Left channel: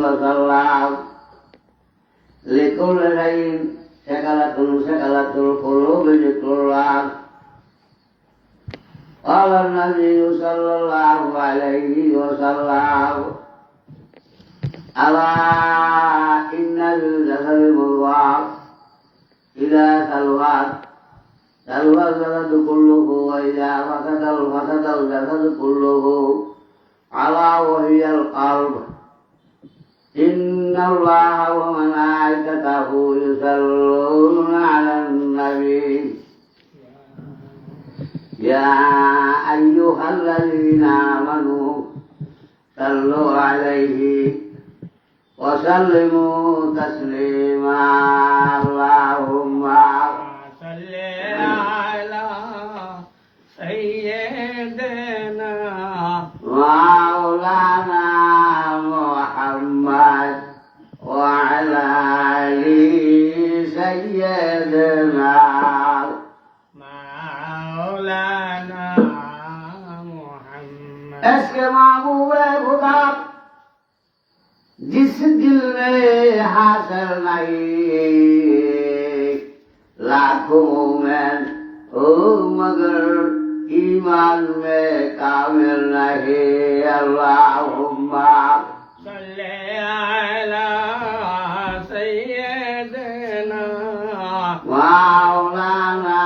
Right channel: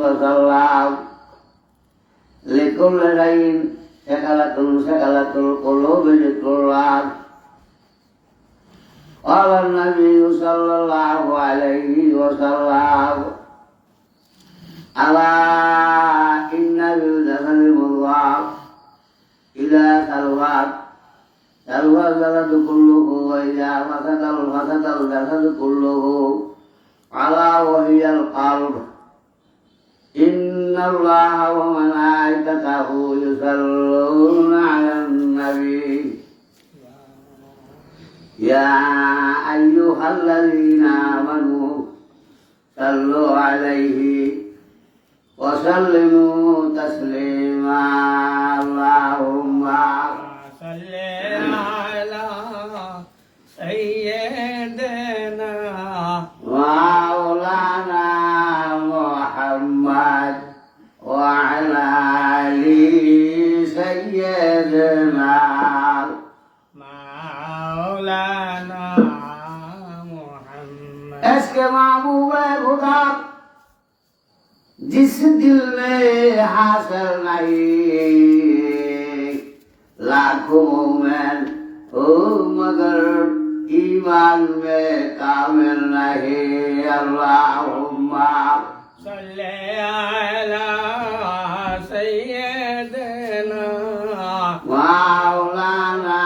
وسلم لكل شيء سكلة القلوب ذكر الله. قال النبي صلى الله عليه وسلم ألا إن بالجسد مضغة إذا سلمت سلم الجسد كله وإذا فسد الجسد كله ألا وهي القلب. إن الله وملائكته يصلون على النبي يا أيها الذين آمنوا صلوا عليه وسلموا تسليما. اللهم صل على سيدنا مولانا محمد وعلى آل سيدنا مولانا محمد. इसके महबूब खुदा जिस दिल में हासिल नहीं लाखों मोमेन हो मगर ईमान में कामिल नहीं. अल्लाहुम्मा सल्ले अला सय्यदना मौलाना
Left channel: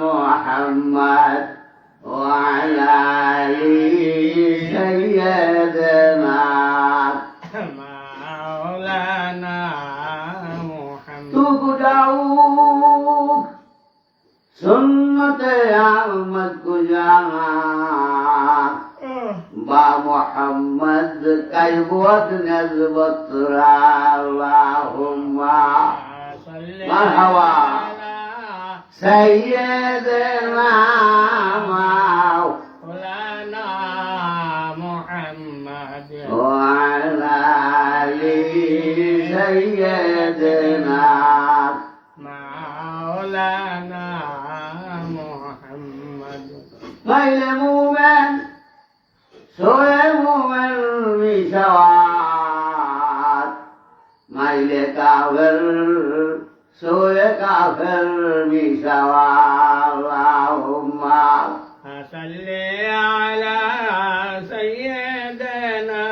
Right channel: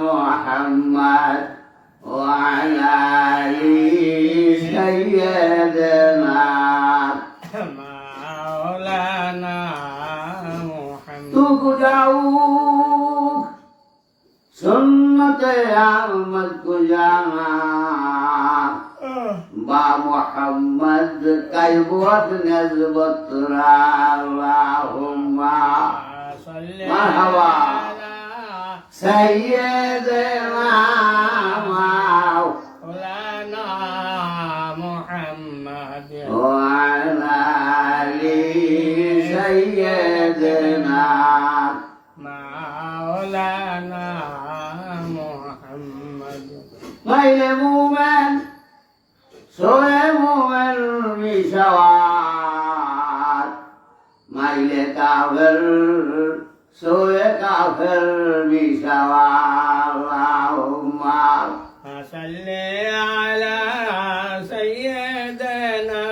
मुहम्मद वअला आलि सय्यदना मौलाना मुहम्मद. तू गुजाऊ सुन्नते अहमद गुजाना बा मुहम्मद कैबुत नज़बत अल्लाहुम्मा मरहबा सय्यदना मौलाना मुहम्मद वअला आलि सय्यदना मौलाना मुहम्मद. غير مؤمن سوى مؤمن بشوات ميل كافر سوى كافر بشوات. اللهم صل على سيدنا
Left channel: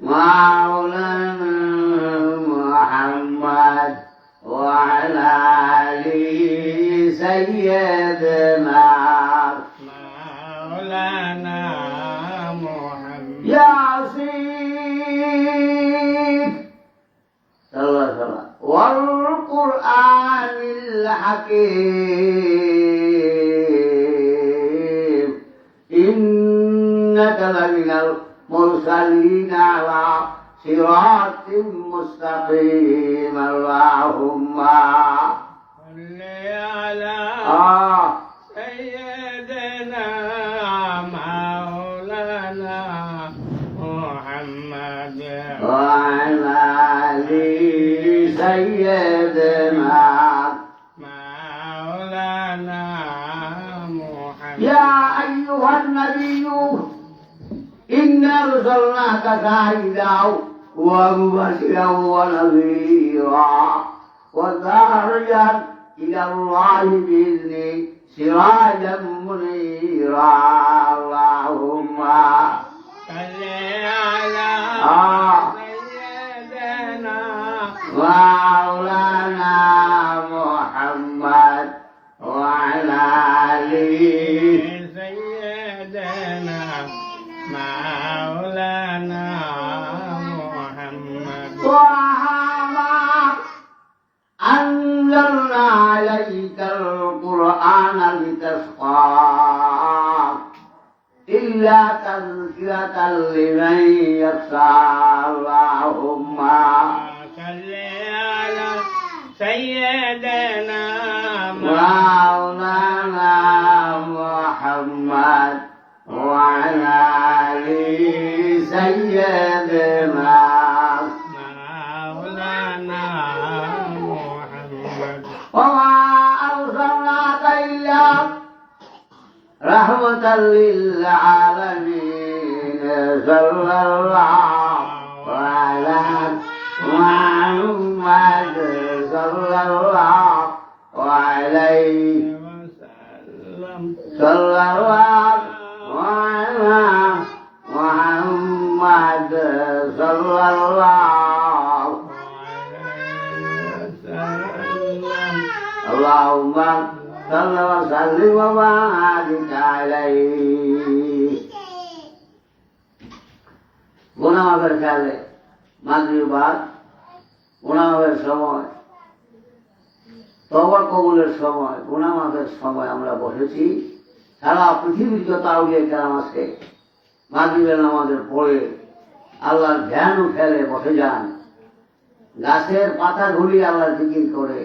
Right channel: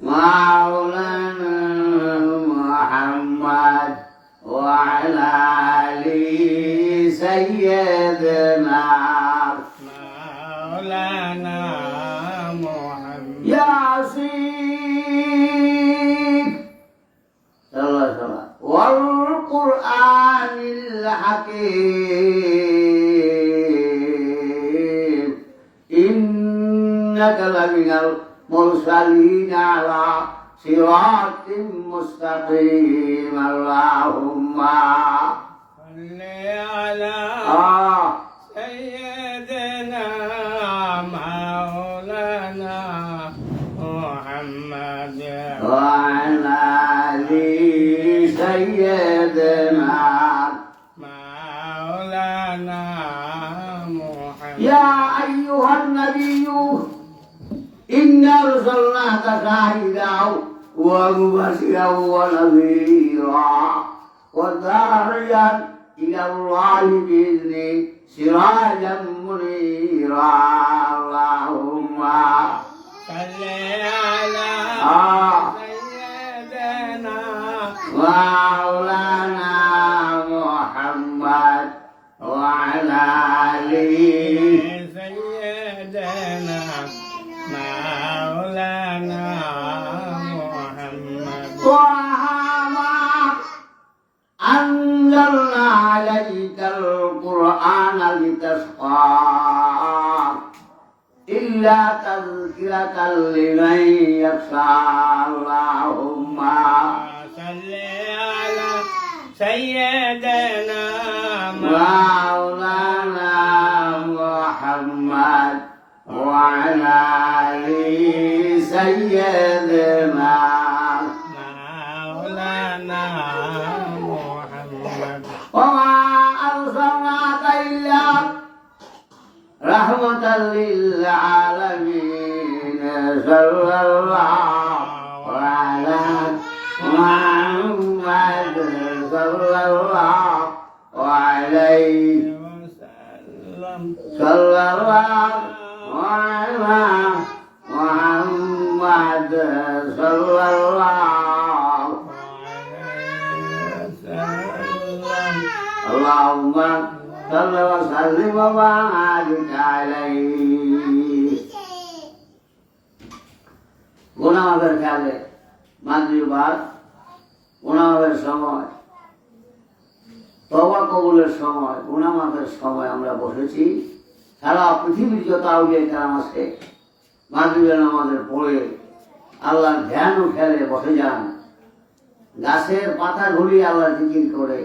مولانا محمد وعلى آل سيدنا مولانا محمد. ياسين صلى الله عليه وسلم والقرآن الحكيم إنك لمن المرسلين على صراط مستقيم. اللهم صل على سيدنا مولانا محمد وعلى آل سيدنا مولانا محمد. يا أيها النبي إنا أرسلناك شاهدا ومبشرا ونذيرا وداعيا إلى الله بإذنه سراجا منيرا. اللهم صل على سيدنا مولانا محمد وعلى آل سيدنا مولانا محمد. أنزلنا عليك القرآن لتشقى إلا تذكرة لمن يخشى. اللهم صل على محمد صلى الله عليه وسلم صلى الله على محمد صلى الله وسلم اللهم صل وسلم وبارك عليه গুনাহের খেয়ালে মাগরিবার গুনাহের সময় তওবা কবুলের সময় গুনাহ মাফের সময় আমরা বসেছি। সারা পৃথিবীর যত আউলিয়া কেরাম আছে মাগরিবের নামাজের পরে আল্লাহর ধ্যান ও খেলে বসে যান। গাছের পাতা ঘুরিয়ে আল্লাহ জিকির করে,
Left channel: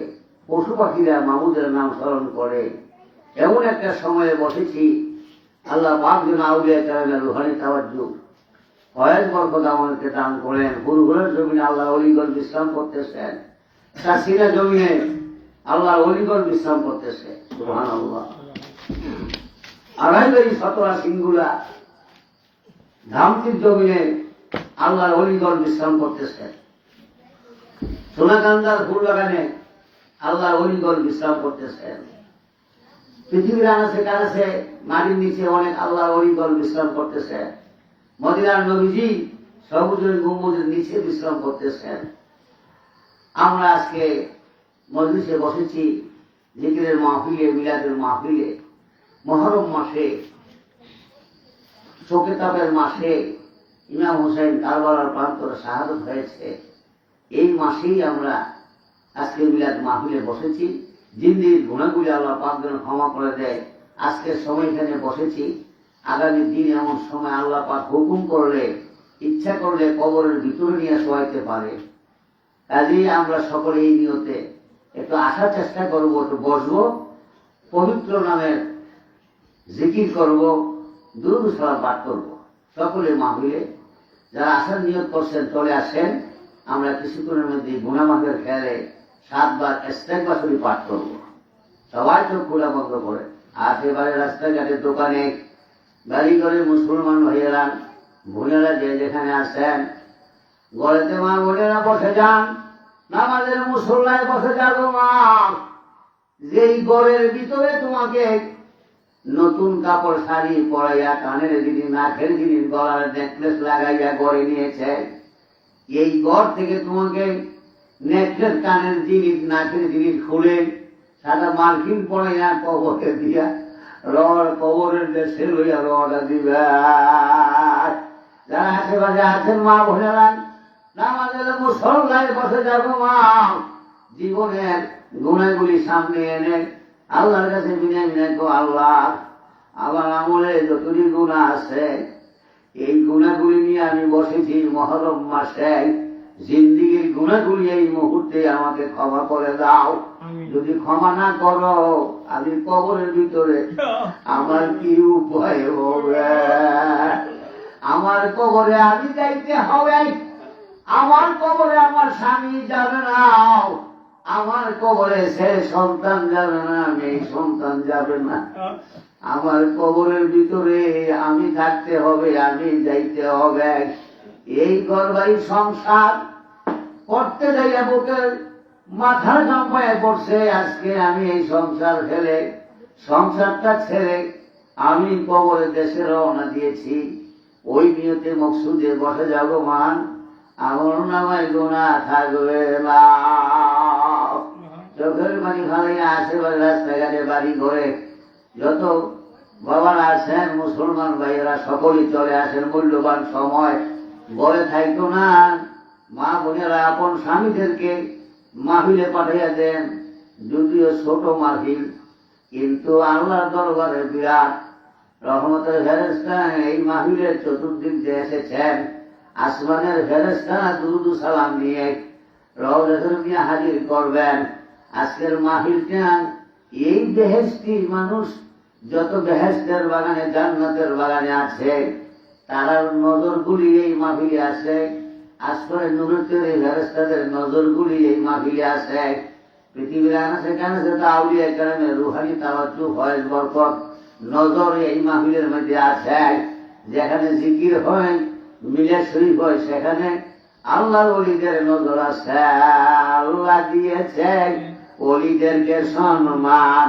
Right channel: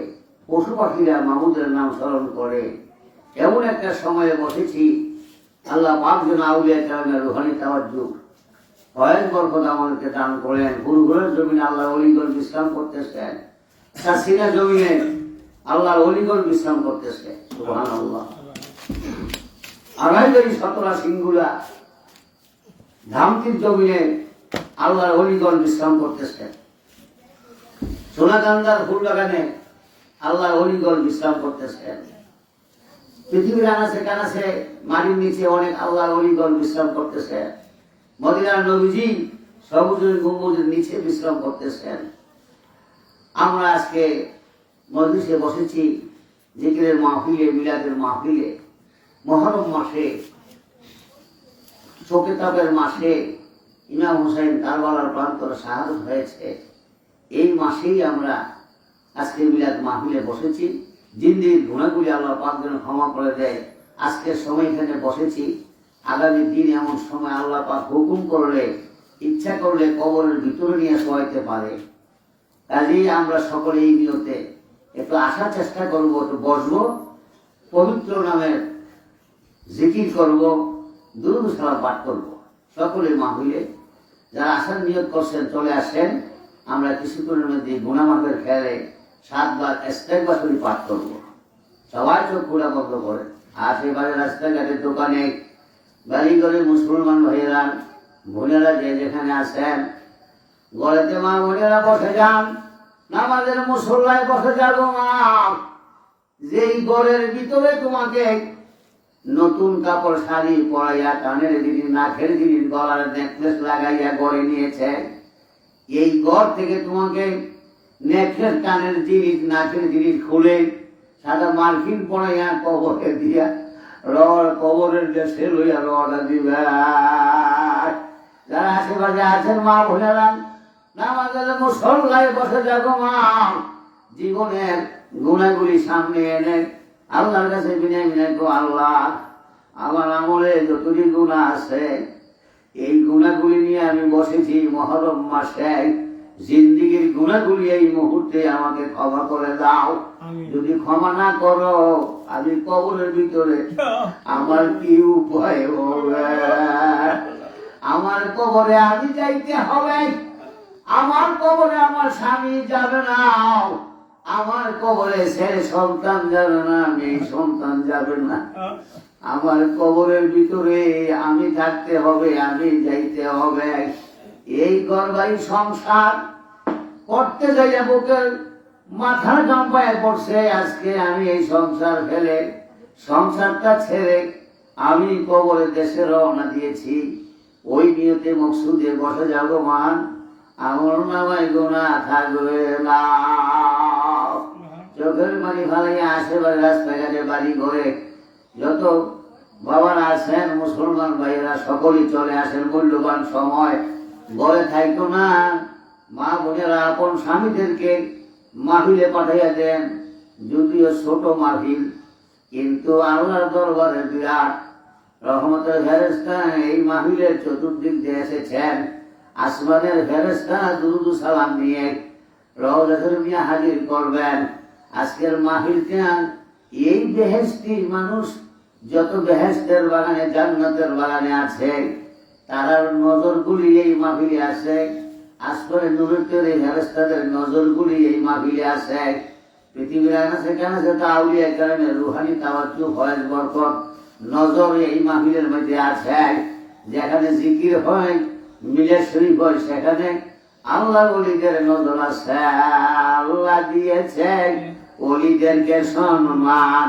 পশু পাখিরা মাহমুদের নাম স্মরণ করে। এমন একটা সময়ে বসেছি আল্লাহ পাক যেন আউলিয়া কেরামের রুহানি তাওয়াজ্জুহ কয়েক বরকত আমাদেরকে দান করেন। গুরুগুলোর জমিনে আল্লাহ অলিগঞ্জ বিশ্রাম করতেছেন, চাষিরা জমিনে আল্লাহ অলিগঞ্জ বিশ্রাম করতেছে। সুবহানাল্লাহ। আড়াইবাড়ি সতরা সিংগুলা ধামতির জমিনে আল্লাহর অলিগঞ্জ বিশ্রাম করতেছে। সোনাকান্দার ফুল বাগানে আল্লাহর অলিগঞ্জ বিশ্রাম করতেছেন। পৃথিবীর আনাচে কানাচে মাটির নিচে অনেক আল্লাহর অলিগঞ্জ বিশ্রাম করতেছে। মদিনার নবীজি সবুজ গম্বুজের নিচে বিশ্রাম করতেছেন। আমরা আজকে মজলিসে বসেছি জিকিরের মাহফিলে, মিলাদের মাহফিলে, মুহররম মাসে, শোকেতাবের মাসে ইমাম হোসেন কারবালার প্রান্তরে শাহাদত হয়েছে। এই মাসেই আমরা আজকে মিলাদ মাহফিলে বসেছি। জিন্দির গুনাহগুলি আল্লাহ পাক যেন ক্ষমা করে দেয়। আজকের সময় এখানে বসেছি, আগামী দিন এমন সময় আল্লাহ পাক হুকুম করলে, ইচ্ছা করলে কবরের ভিতরে নিয়ে শোয়াইতে পারে। কাজেই আমরা সকলে এই নিয়তে একটু আসার চেষ্টা করবো, একটু বসবো, পবিত্র নামের জিকির করব, দুরূদ সালাম পাঠ করবো। সকলে মাহফিলে যারা আসার নিয়ত করছেন চলে আসেন। আমরা কিছুক্ষণের মধ্যে গুনাহ মাফের খেয়ালে 7 বার ইস্তেগফার শরীফ পাঠ করবো। সবাই চোখ খোলা বন্ধ করে। আশেপাশে রাস্তাঘাটের দোকানে বাড়ি ঘরে মুসলমান ভাইয়েরা বোনেরা যে যেখানে আছেন, ঘরেতে মা বোনেরা বসে যান, নামাজের মুসল্লায় বসে যাবো। মা, যেই ঘরের ভিতরে তোমাকে নতুন কাপড় শাড়ি পরাইয়া, কানের জিনিস, নাকের জিনিস, গলার নেকলেস লাগাইয়া ঘরে নিয়েছে, এই ঘর থেকে তোমাকে নেকলেস, কানের জিনিস, নাকের জিনিস খুলে সাদা মার্কিন পরাইয়া কবরে দিয়া কবরের দেশে লইয়া রওনা দিবে। যারা আশেপাশে আছেন মা বোনেরা, নামাজের মুসল্লায় বসে যাবো। মা, জীবনের গুণাগুলি সামনে এনে আল্লাহর কাছে বিনয় বিনয় গো, আল্লাহ আমার আমলে যতটি গুণা আছে এই গুণাগুলি নিয়ে আমি বসেছি মুহররম মাসে। জিন্দিগির গুণাগুলি এই মুহূর্তে আমাকে ক্ষমা করে দাও। যদি ক্ষমা না করো আমি কবরের ভিতরে আমার কি উপায় হবে? আমার কবরে আমি যাইতে হবে। আমার কবরে আমার স্বামী যাবে না, আমার কবরে সে সন্তান যাবে না, মেয়ে সন্তান যাবে না। আমার কবরের ভিতরে আমি থাকতে হবে, আমি যাইতে হবে। এই ঘরবাড়ি সংসার করতে যাইয়া বুকের মাথা জম্পায় পড়ছে। আজকে আমি এই সংসার ফেলে, সংসারটা ছেড়ে আমি কবরের দেশে রওনা দিয়েছি। ওই নিয়তে মকসুদে বসে যাবো। মান আমার নামায় গুনাহ থাকবে না। চোখের বাড়ি ভাড়াইয়া আশেপাশে রাস্তাঘাটে বাড়ি ঘরে যত বাবারা আছেন, মুসলমান ভাইরা সকলেই চলে আসেন। মূল্যবান সময় বলে থাকতো না। মা বোনেরা আপন স্বামীদেরকে মাহফিলে পাঠাইয়া দেন। যদিও ছোট মাহফিল, কিন্তু আল্লাহর দরবারে বিরাট রহমতের ফেরেশতা এই মাহফিলের চতুর্দিক দিয়ে এসেছেন। আসমানের ফেরেশতা দুরূদ সালাম নিয়ে রওজাতুল নিয়ে হাজির করবেন। আজকের মাহফিলটা এই বেহেশতি মানুষ যত বেহেশতের বাগানে, জান্নাতের বাগানে আছে, তার নজরগুলি এই মাহফিলে আছে। আসমানের নূরের ফেরেশতাদের নজরগুলি এই মাহফিলে আছে। পৃথিবীর আকাশে কাছে তো আউলিয়া কেরামের রুহানি তাওয়াজ্জুহ, ফয়েজ, বরকত, নজর এই মাহফিলের মধ্যে আছে। যেখানে জিকির হয়, মিলাদ শরীফ হয়, সেখানে আল্লাহ ওলিদের নজর আছে, আল্লাহ দিয়েছেন ওলিদেরকে সম্মান,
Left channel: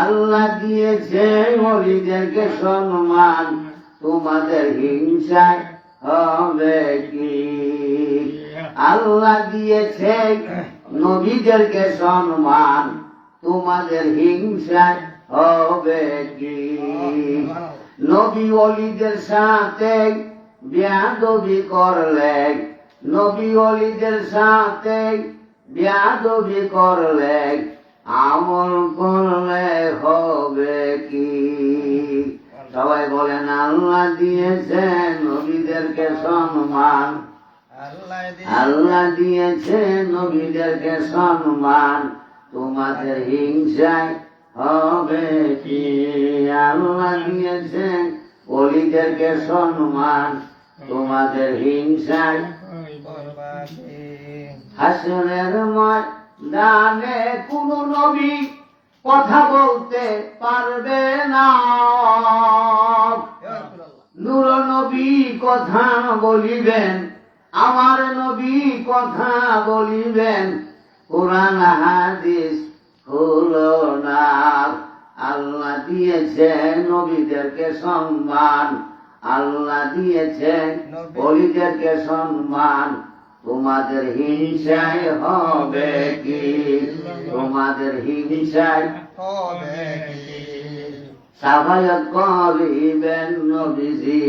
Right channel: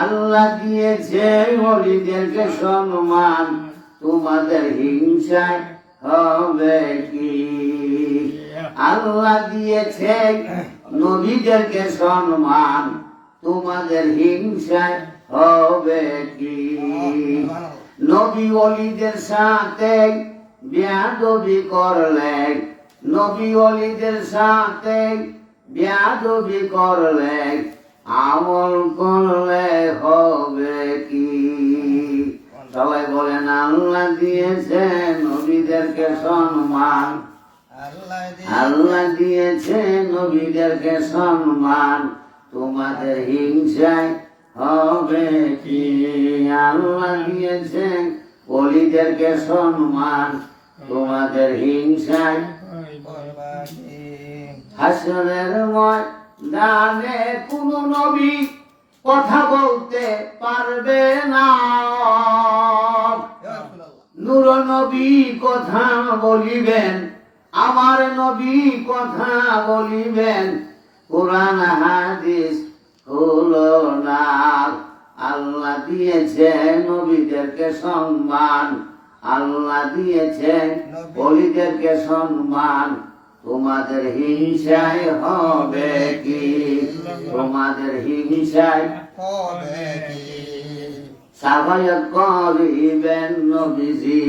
আল্লাহ দিয়েছেন ওলিদেরকে সম্মান, তোমাদের হিংসায় হবে কি? আল্লাহ দিয়েছেন নবীদেরকে সম্মান, তোমাদের হিংসায় হবে কি? নবী ওলিদের সাথে বেয়াদবি করলে, নবী ওলিদের সাথে বেয়াদবি করলে আমল করলে হবে কি? সবাই বলেন আল্লাহ দিয়েছেন নবীদেরকে সম্মান, আল্লাহ দিয়েছেন নবীদেরকে সম্মান, তোমাদের হিংসায় হবে কি? আল্লাহ দিয়েছেন ওলিদেরকে সম্মান, তোমাদের হিংসায় হাসরের ময়দানে কোন নবী কথা বলতে পারবে না, নূর নবী কথা বলিবেন, আমার নবী কথা বলিবেন, কোরআন হাদিস হলো না। আল্লাহ দিয়েছেন নবীদেরকে সম্মান, আল্লাহ দিয়েছেন ওলিদেরকে সম্মান, তোমাদের হিংসায় হবে কি? তোমাদের হিংসায় হবে কি? সাফায়াত করিবেন নবীজি,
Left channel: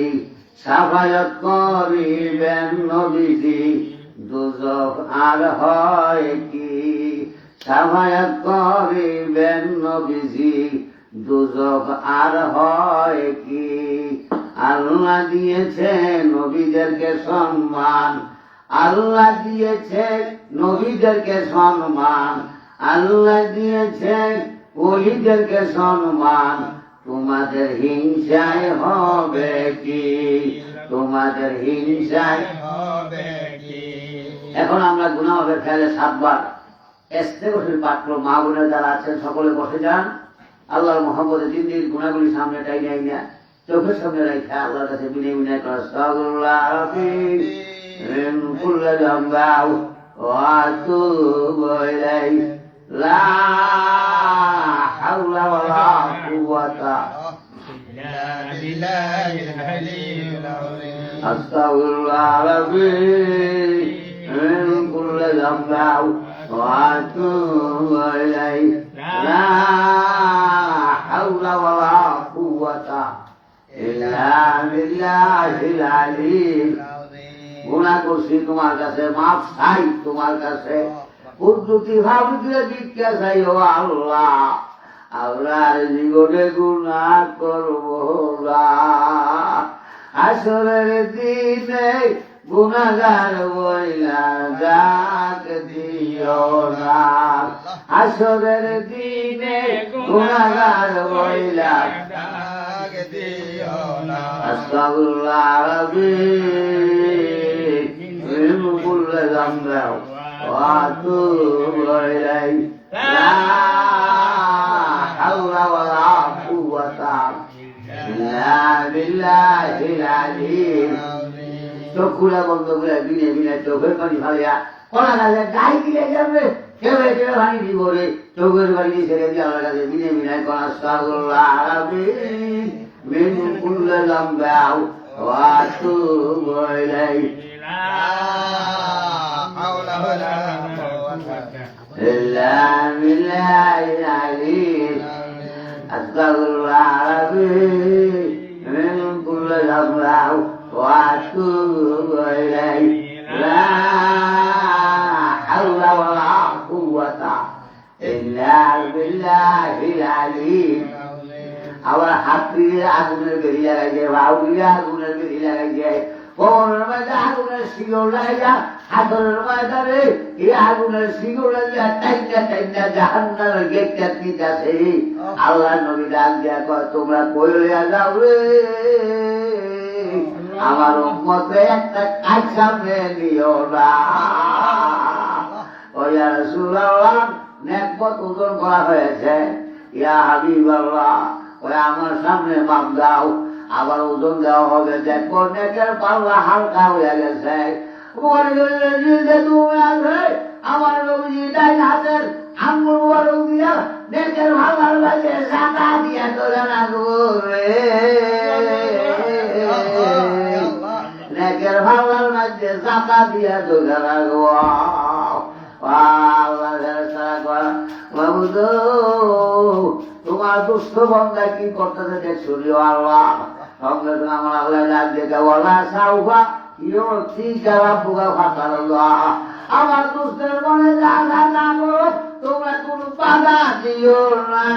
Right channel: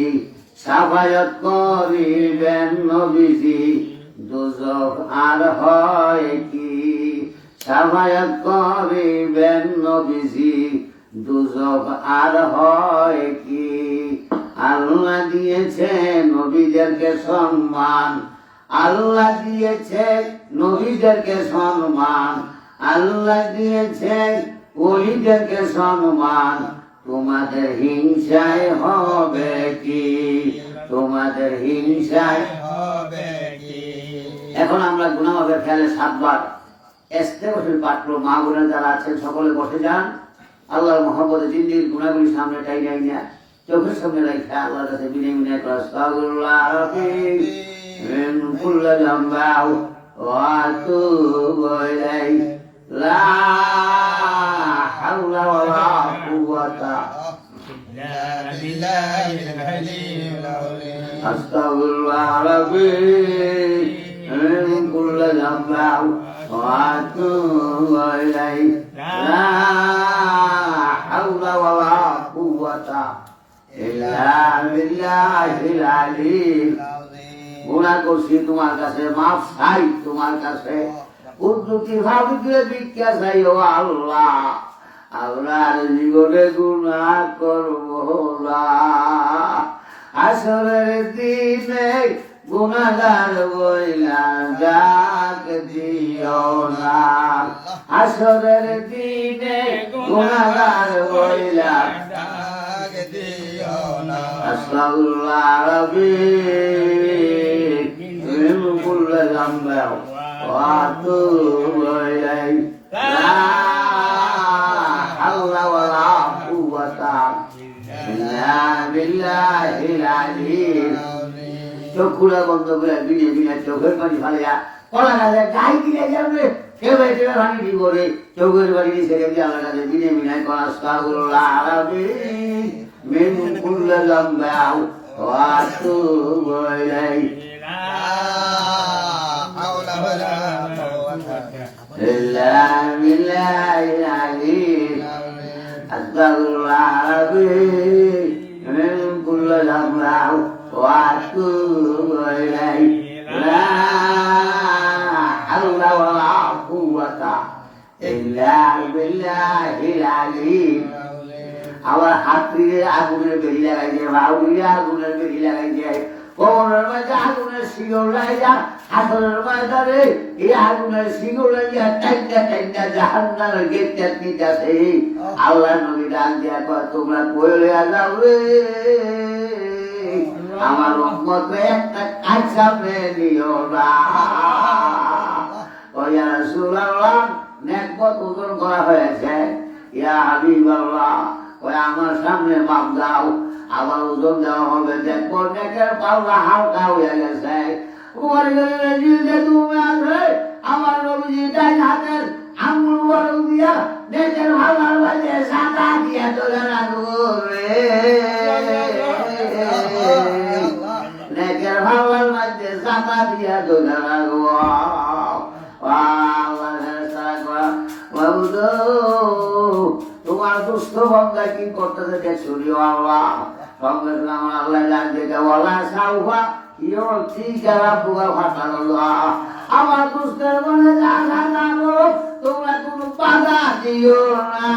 সাফায়াত করিবেন নবীজি, দুজখ আর হয় কি? সাফায়াত করিবেন নবীজি, দুজখ আর হয় কি? আল্লাহ দিয়েছেন নবীদেরকে সম্মান, আল্লাহ দিয়েছেন নবীদেরকে সম্মান, আল্লাহ দিয়েছেন ওলিদেরকে সম্মান, তোমাদের হিংসায় হবে কি? তোমাদের হিংসায় হবে কি? এখন আমরা গুনাহ হবে ফেলে 7 বার ইস্তেগফার পাঠ করব। মা বোনেরা যারা আছেন সকলে বসে যান, আল্লাহর মহব্বতে জিন্দির গুনাহগুলি সামনে টাইনে না চোখের সামনে রেখে আল্লাহর কাছে বিনয় বিনয় করে আস্তাগফিরুল্লাহ রাব্বি মিন কুল্লি যামবি ওয়া আতুবু ইলাইহি লা হাওলা ওয়ালা কুওয়াতা ইল্লা বিল্লাহিল আলিয়্যিল আযীম। আস্তাগফিরুল্লাহ রাব্বি মিন কুল্লি যামবি ওয়া আতুবু ইলাইহি লা হাওলা ওয়ালা কুওয়াতা ইল্লা বিল্লাহিল আলিয়্যিল আযীম। গুনাহ করছি তোমার কাছে, মাফ চাই তোমার কাছে, কুদরতি ভাবে দিয়ে ভিক্ষা চাই ও আল্লাহ। আল্লাহর জীবনে গুনাহ করব না, আসরের দিনে গুনাহগার বইলা ডাক দিও না, আসরের দিনে গুনাহগার বইলা ডাক দিও না। আস্তাগফিরুল্লাহ রাব্বি মিন কুল্লি যামবি ওয়া আতুবু ইলাইহি লা হাওলা ওয়ালা কুওয়াতা ইল্লা বিল্লাহিল আলিয়্যিল আযীম। চোখগুলা বন্ধ করে বিনে বিনে চোখের পানি ফালিয়া কলা গাছে গাই দিলে যাবে, কেবে কেবে পানি দিব রে, চোখের পানি ছেড়ে দিয়ে আল্লাহর কাছে বিনে বিনে করা আস্তাগফিরুল্লাহ রাব্বি মিন কুল্লি যামবি ওয়া আতুবু ইলাইহি লা হাওলা ওয়ালা কুওয়াতা ইল্লা বিল্লাহিল আলিয়্যিল আযীম। আস্তাগফিরুল্লাহ রাব্বি মিন কুল্লি যামবি ওয়া আতুবু ইলাইহি লা হাওলা ওয়ালা কুওয়াতা ইল্লা বিল্লাহিল আলিয়্যিল আযীম। আবার হাত দিয়ে আগুনের বেরি লাগাইছে, ভাও দিয়ে আগুনের বেরি লাগাইছে, কোমরের মধ্যে আগুনের শিকল লাগাইছে, হাতের ময়দানে এই আগুনের শিকল লাগিয়ে টাইটা টাইটা জাহান্নামের গেটটা দিতেছে। আল্লাহ নবী ডাক দিয়া কয়, তোমরা পড়ে যাও রে, আমার উম্মতে একটা কাজ সামনে নিও না। ও ইয়া রাসূলুল্লাহ, নেকবত ওজন করা হয়েছে, ইয়া হাবিবাল্লাহ, ওই আমার সামনে মাপ দাও, আবার ওজন দেওয়া হবে, দেখবো নেকের পাল্লা হালকা হয়ে গেছে, উমর গেলে তুমি আসবে আমার নবীজি ডাইন হাতের আঙ্গুল বড় দিয়া নেকের ভাগার বাজে সাদা দিয়া তোলে রাখবো নেকের ভাগার মাঝে সাদা দিয়া তোলে রাখবো তোমার দুস্থ বন্ধা কি করতেছে দেখছো আল্লাহ সঙ্গে আমার আল্লাহ ডাক দেখে বলা সাউফা আমার দুষ্টের মনে জানা জানো তোমরা কোনো বাধা দিও না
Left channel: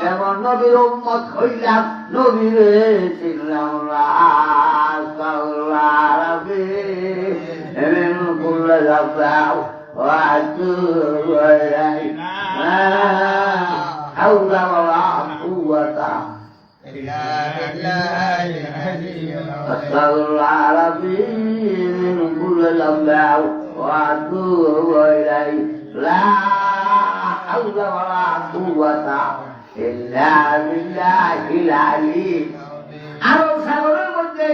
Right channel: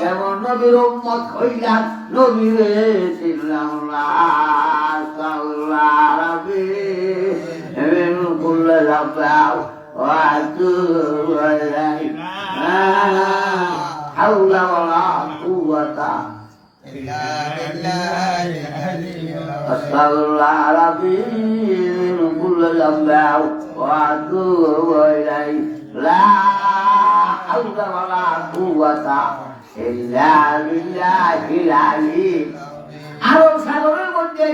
যেমন নবীর উম্মত হইলাম নবীরে চিনলাম না বললে যাও হাওলা ওয়ালা কুওয়াতা أسأل الله العظيم كل الأنبياء وأتوب إليه لا حول ولا قوة إلا بالله العلي আরব সাগরের মধ্যে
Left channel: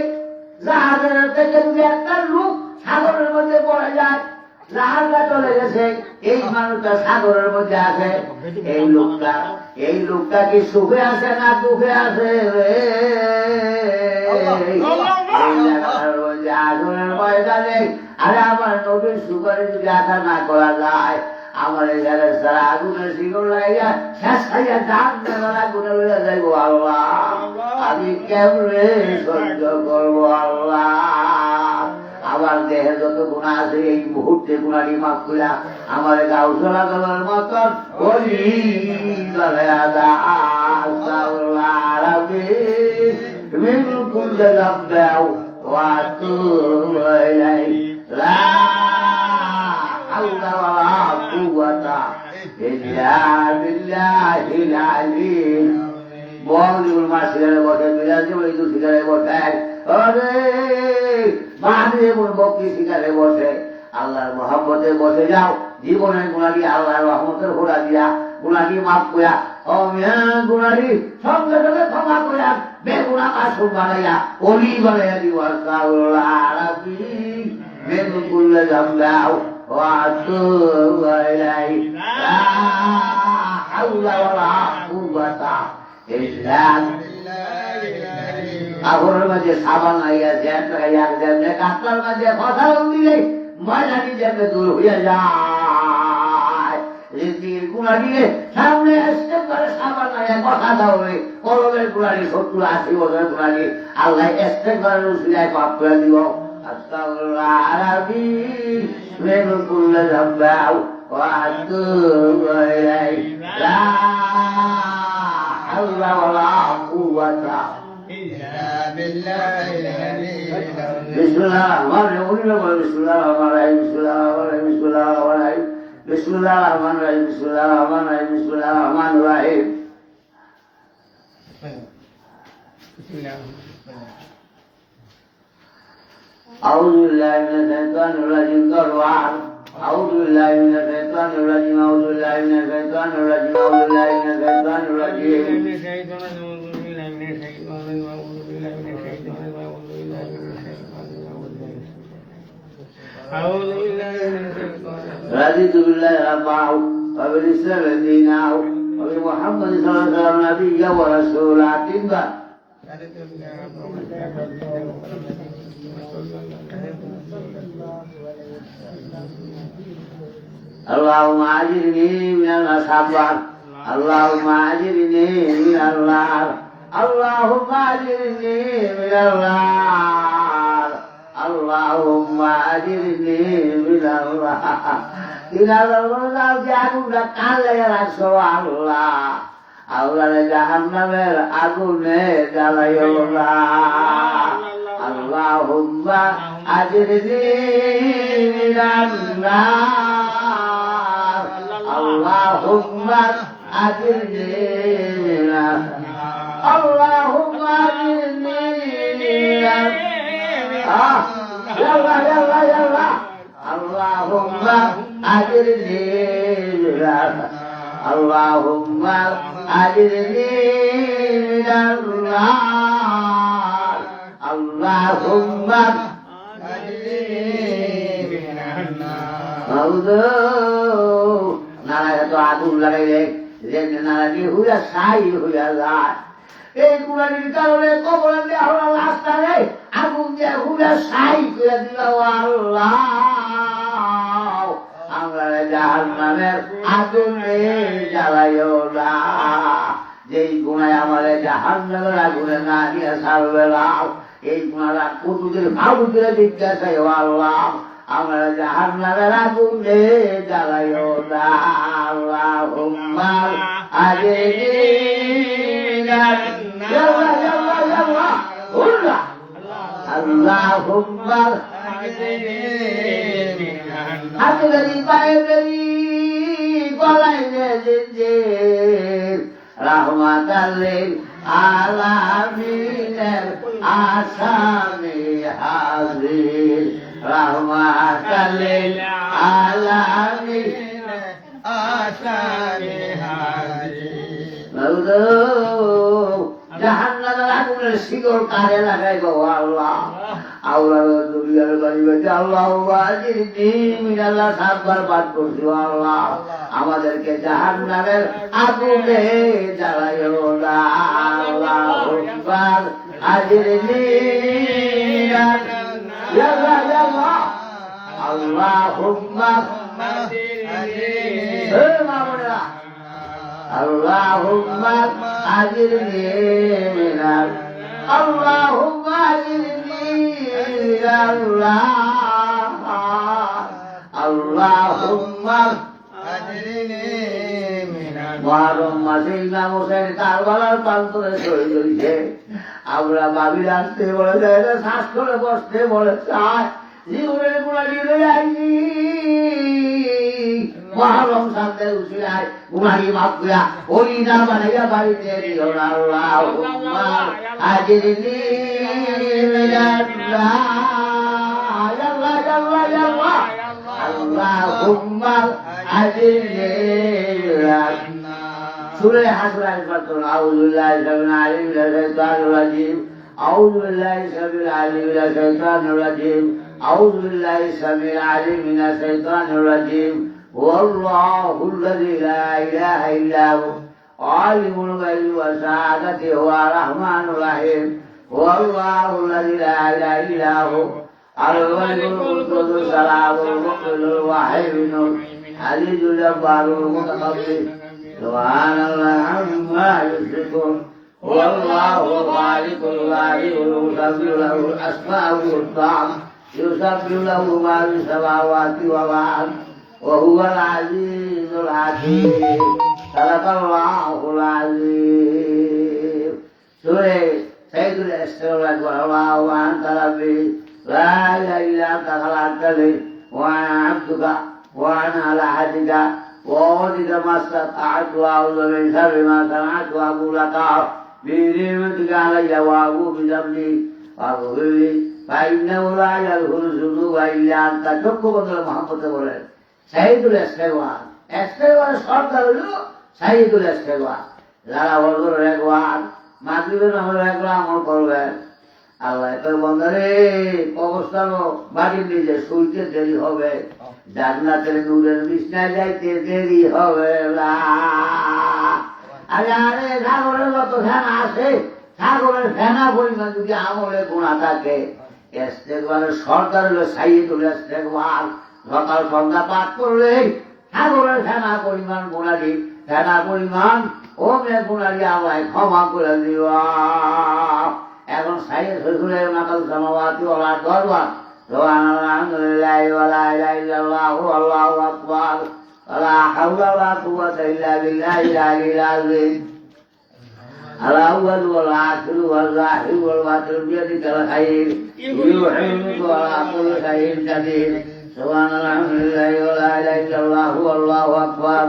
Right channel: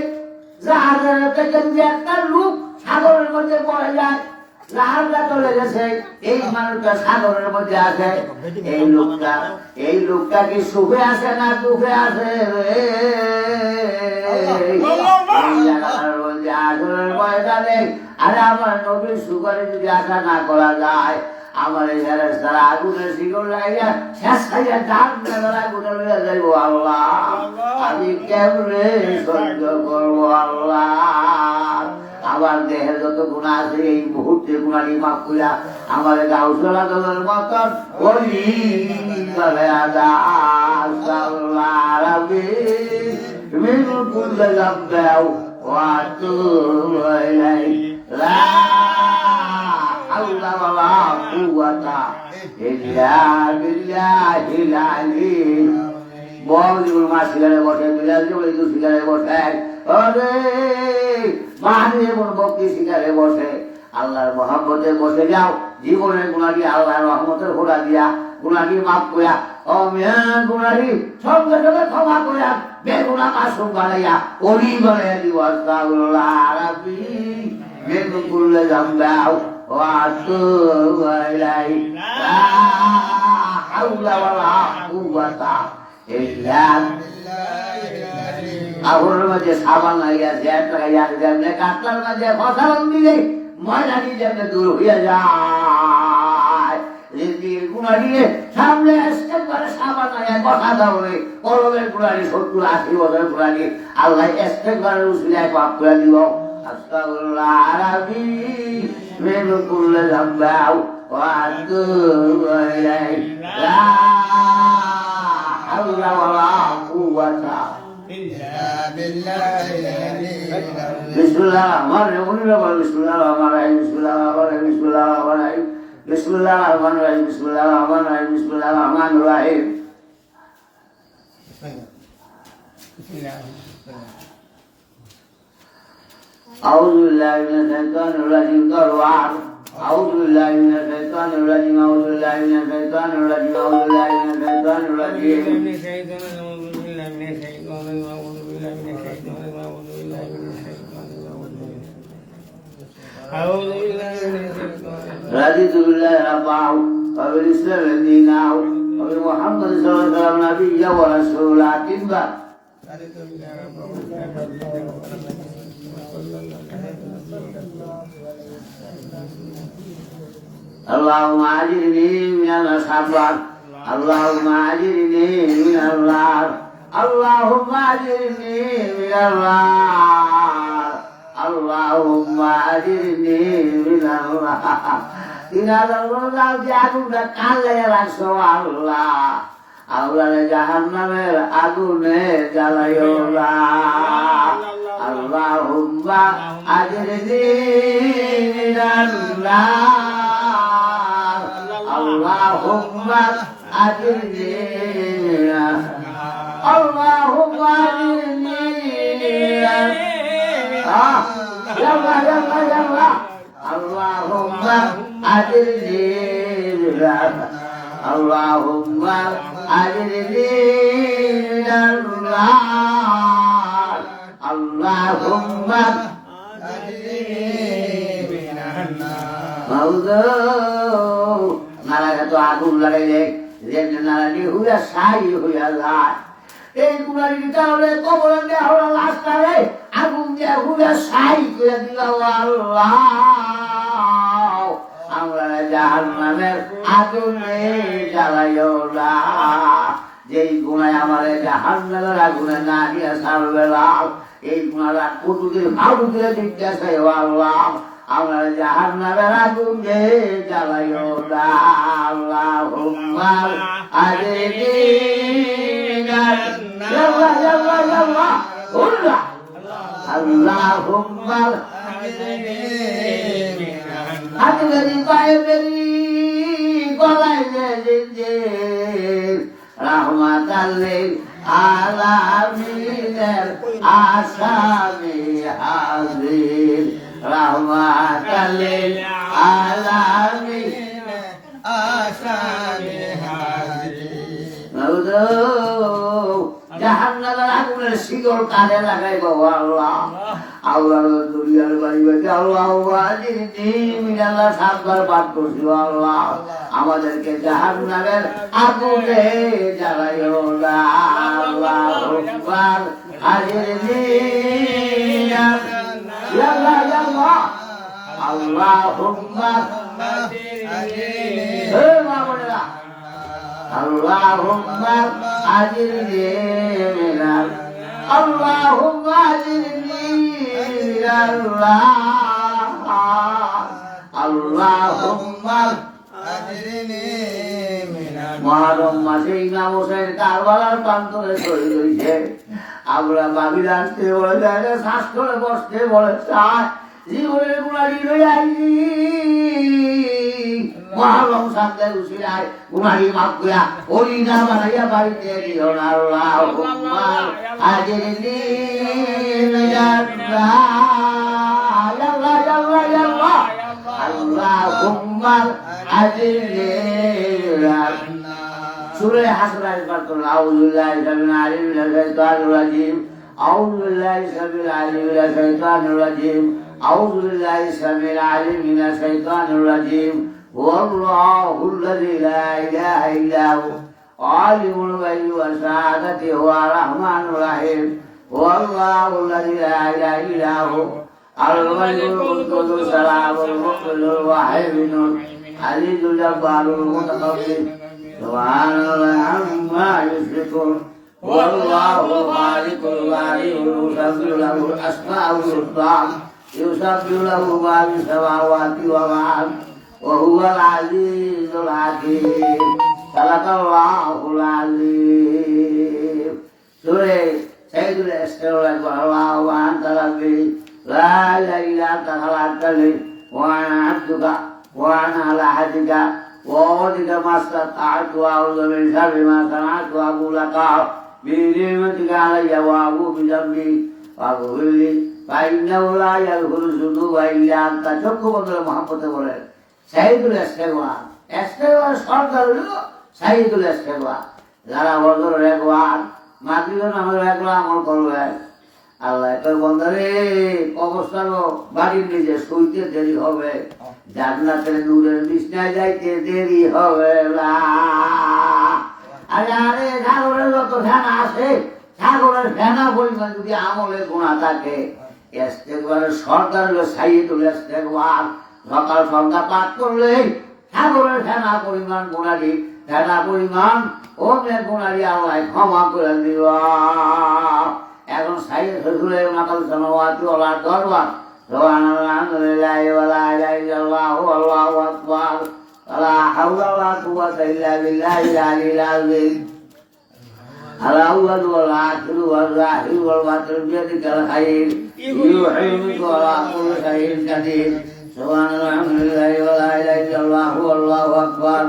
জাহাজের থেকে যে একটা লোক সাগরের মধ্যে পড়ে যায় জাহাজটা চলে গেছে এই মানুষটা সাগরের মধ্যে আছে এই লোকটা কি সুখে আছে না দুঃখে আছে ময়দানে আরে আমার নবীর সুখের যদি আশা না করা যায় আমার এখানে আগুনের জীবন লাগিয়া শেষ খাইয়া দাম দেওয়ার আগুনে লইয়া যাইব আল্লাহ আমি কেমনে সহ্য করবো আল্লাহ আমার দেহে যত গুণা আছে এই মুহূর্তে গুণানি মাফ করিয়া আমার গাউসলা দেওয়ার মতন ওই من كل ذنب وأتوب إليه لا حول ولا قوة إلا بالله العلي বড়জোর মাছ শিকারে বসে বিলাসী শিকারে বসে মাহানি ভক্তি শিকারে বসে আল্লাহর মহব্বতে বসে যাও জীবনের গুণাটি আল্লাহর রহমতের ঘোড়া দিয়া গুণাটি মাফ করিয়া গুণাটি সঙ্গে সঙ্গে ক্ষমা করিয়া বেগুনা মাসুম বানাইয়া অলি বানাইয়া দিব বেগুন করলে জানলাও আগুনের মধ্যে সাবান হইয়া জ্যাট হইয়া যেমনে কাতলার মধ্যে ফসল দিলে ময়দানি যেমনে দূর হইয়া যায় রিজির গুণাটি সামনে আসতে পারে সাবান হইয়া কথা দাও কলমের গুণাটি 70-80 বছরের গুণাটি আল্লাহ আসতে পারে সিলাই পাপ করে দিব আস্তাগফিরুল্লাহ আলাবি মিন কুল্লি যামবাউ ওয়া আতুবু ইলাইহি লা হাওলা ওয়ালা কুওয়াতা بسم الله الرحمن الرحيم بسم الله الرحمن الرحيم بسم الله الرحمن الرحيم بسم الله الرحمن الرحيم بسم الله الرحمن الرحيم بسم الله الرحمن الرحيم أعوذ بالله من الشيطان الرجيم أعوذ بالله من الشيطان الرجيم أعوذ بالله من الشيطان الرجيم أعوذ بالله من الشيطان الرجيم رضيت بالله ربا وبالإسلام دينا وبمحمد صلى الله عليه وسلم نبيا ورسولا كبا اللهم أجرني من الخطر اللهم أجرني من النار اللهم أجرني من النار اللهم أجرني من النار إذا الله جعلنا كله رسول الله أولا جهنم أدنى جلايولا اللهم أجرني من النار اللهم أجرني من النار اللهم أجرني يلا يلا يلا اللهم أجرني اللهم أجرني من النار اللهم নারায় তো আগুন লাগাইলে যে নারায়ণী হইয়া সাই হইয়া যায় এই গুণারির কারণে কবরে দেওয়া হলো রাস্তায় আগুন দিয়ে হইয়া সাই করে দিল আল্লাহ আমরা জাহান্নামের আগুনে জ্বালাইও না যেই গুণায় আমার জাহান্নামের আগুনে না নিয়ে ছাড়বে না এই গুণারা কুটুদের ভাবু করে জিজ্ঞাসা আল্লাহ আমরা জাহান্নামের আগুনে জ্বালাইও না আল্লাহুম্মা আজরিনি আল্লাহুম্মা আজরিনি বাইরি গলাইলে জিঞ্জির রাহমাতাল লিল আলামিনের আসামি হাজির রাহমাতাল লিল আলামিনের আসামি হাজির জাহান্নামের আগুনের শিকল কাজে লাগাইব আল্লাহ আল্লাহ দুনিয়ার গরিবকে আল্লাহ আল্লাহ সাতবার পাঠ করছি আল্লাহ আমাদেরকে জাহান্নামের আগুনে জ্বালাইও না আল্লাহুম্মা আজরিনি আল্লাহুম্মা আজরিনি আল্লাহুম্মা আজরিনি আল্লাহুম্মা আজরিনি আল্লাহুম্মা মহরম মাসে ইমাম হোসেন কারবালার প্রান্তরে শহীদ হয়েছে আমরা বাবির আসতে বলে যায় শ্বাস করে বসতে বলে চায় জীবনের গুণারি লয়ে আইনি মহরম সাথে উশিলায় গুণারি মাফ করিয়া ওই না বানাইয়া বাড়িতে দিও না আল্লাহুম্মা আজরিনি আল্লাহুম্মা আজরিনি সূরা হাসর পাঠন আউযু বিল্লাহি মিনাশ শাইতানির রাজীম আউযু বিল্লাহি সামিল আলিম মিনাশ শাইতানির রাজীম আউযু বিল্লাহি সামিল আলিম মিনাশ শাইতানির রাজীম ওয়াল্লাহুল্লাযী লা ইলাহা ইল্লা হু আলিমুল গায়বি ওয়াশ শাহাদাতি ওয়া রাহমানুর রাহিম ওয়াল্লাহুল্লাযী লা ইলাহা ইল্লা হু আল-গায়বুল কুদ্দুস সালামুল মুমিনুল ওয়াহিদুল আজিজুল জব্বারুল মুতাকাব্বির সুবহানাল্লাহি আম্মা ইউশরিকুন ওয়াল্লাহু খালিকুল বারিউল মুসাব্বিহু লাহুল আসমাউল হুসনা ইউসাব্বিহু লাহু মা ফিস সামাওয়াতি ওয়াল আরদ ওয়া হুয়াল আজিজুল হাকীম সাদাকাল্লাহুল আযীম সূরা সাইয়্যিদুল ইসতিগফার ওয়া ওয়া আনতা রাব্বি লা ইলাহা ইল্লা আনতা খালাকতানি ওয়া আনা আবদুকা ওয়া আনা আলা আহদিকা وَوَعْدِكَ مَا اسْتَطَعْتُ وَأَعُوذُ مِنْ شَرِّ مَا صَنَعْتُ وَأَبُوءُ لَكَ بِنِعْمَتِكَ عَلَيَّ وَأَبُوءُ بِذَنبِي فاغفر لي فإنه لا يغفر الذنوب إلا أنت চক্ষু বন্ধ মহব্বতে বলেন সাইয়্যিদুল ইসতিগফার ইসতিগফার সরকার হলো সাইয়্যিদুল ইসতিগফার যারা বদরের একবার মাগরিবের নামাজের একবার আমল করবেন আল্লাহ তোর বন্ধরে অবস্থান বাড়ির নিজে শুইতে দেরি হবে জান্নাতের নূরের বিছনায় যাইতে দেরি হবে না আরে সাগরের যত ফেনা আছে সাগরের ফেনা পরিমাণ যদি আমলে গুণা থাকে ইস্তেগফারের সরকার হলো সাইয়্যিদুল ইস্তেগফার সকাল সন্ধ্যা পাঠ করলে সাগরের ফেনা পরিমাণ গুণারি ফেনা পরিমাণ ওমের গুণারি আল্লাহ ক্ষমা করে দিবা এখন সাইয়েদ হুজুরের মাতাল সামাওয়াতি ওয়াল আরদ দরবার সুবহানাল্লাহি ওয়া লা ইলাহা ইল্লাল্লাহু আল্লাহু আকবার ওয়া লা হাওলা ওয়া লা কুওয়াতা ইল্লা বিল্লাহিল আলিয়্যিল আযীম আল-আউওয়াল ওয়াল আখির ওয়াল যাহির ওয়াল বাতিন বিয়াদিকাল খায়র ইউহিয়ু ওয়া লা কুল্লি শাইইন কাদির সুবহানাল্লাহি ওয়া লা ইলাহা ইল্লাল্লাহু আল্লাহু আকবার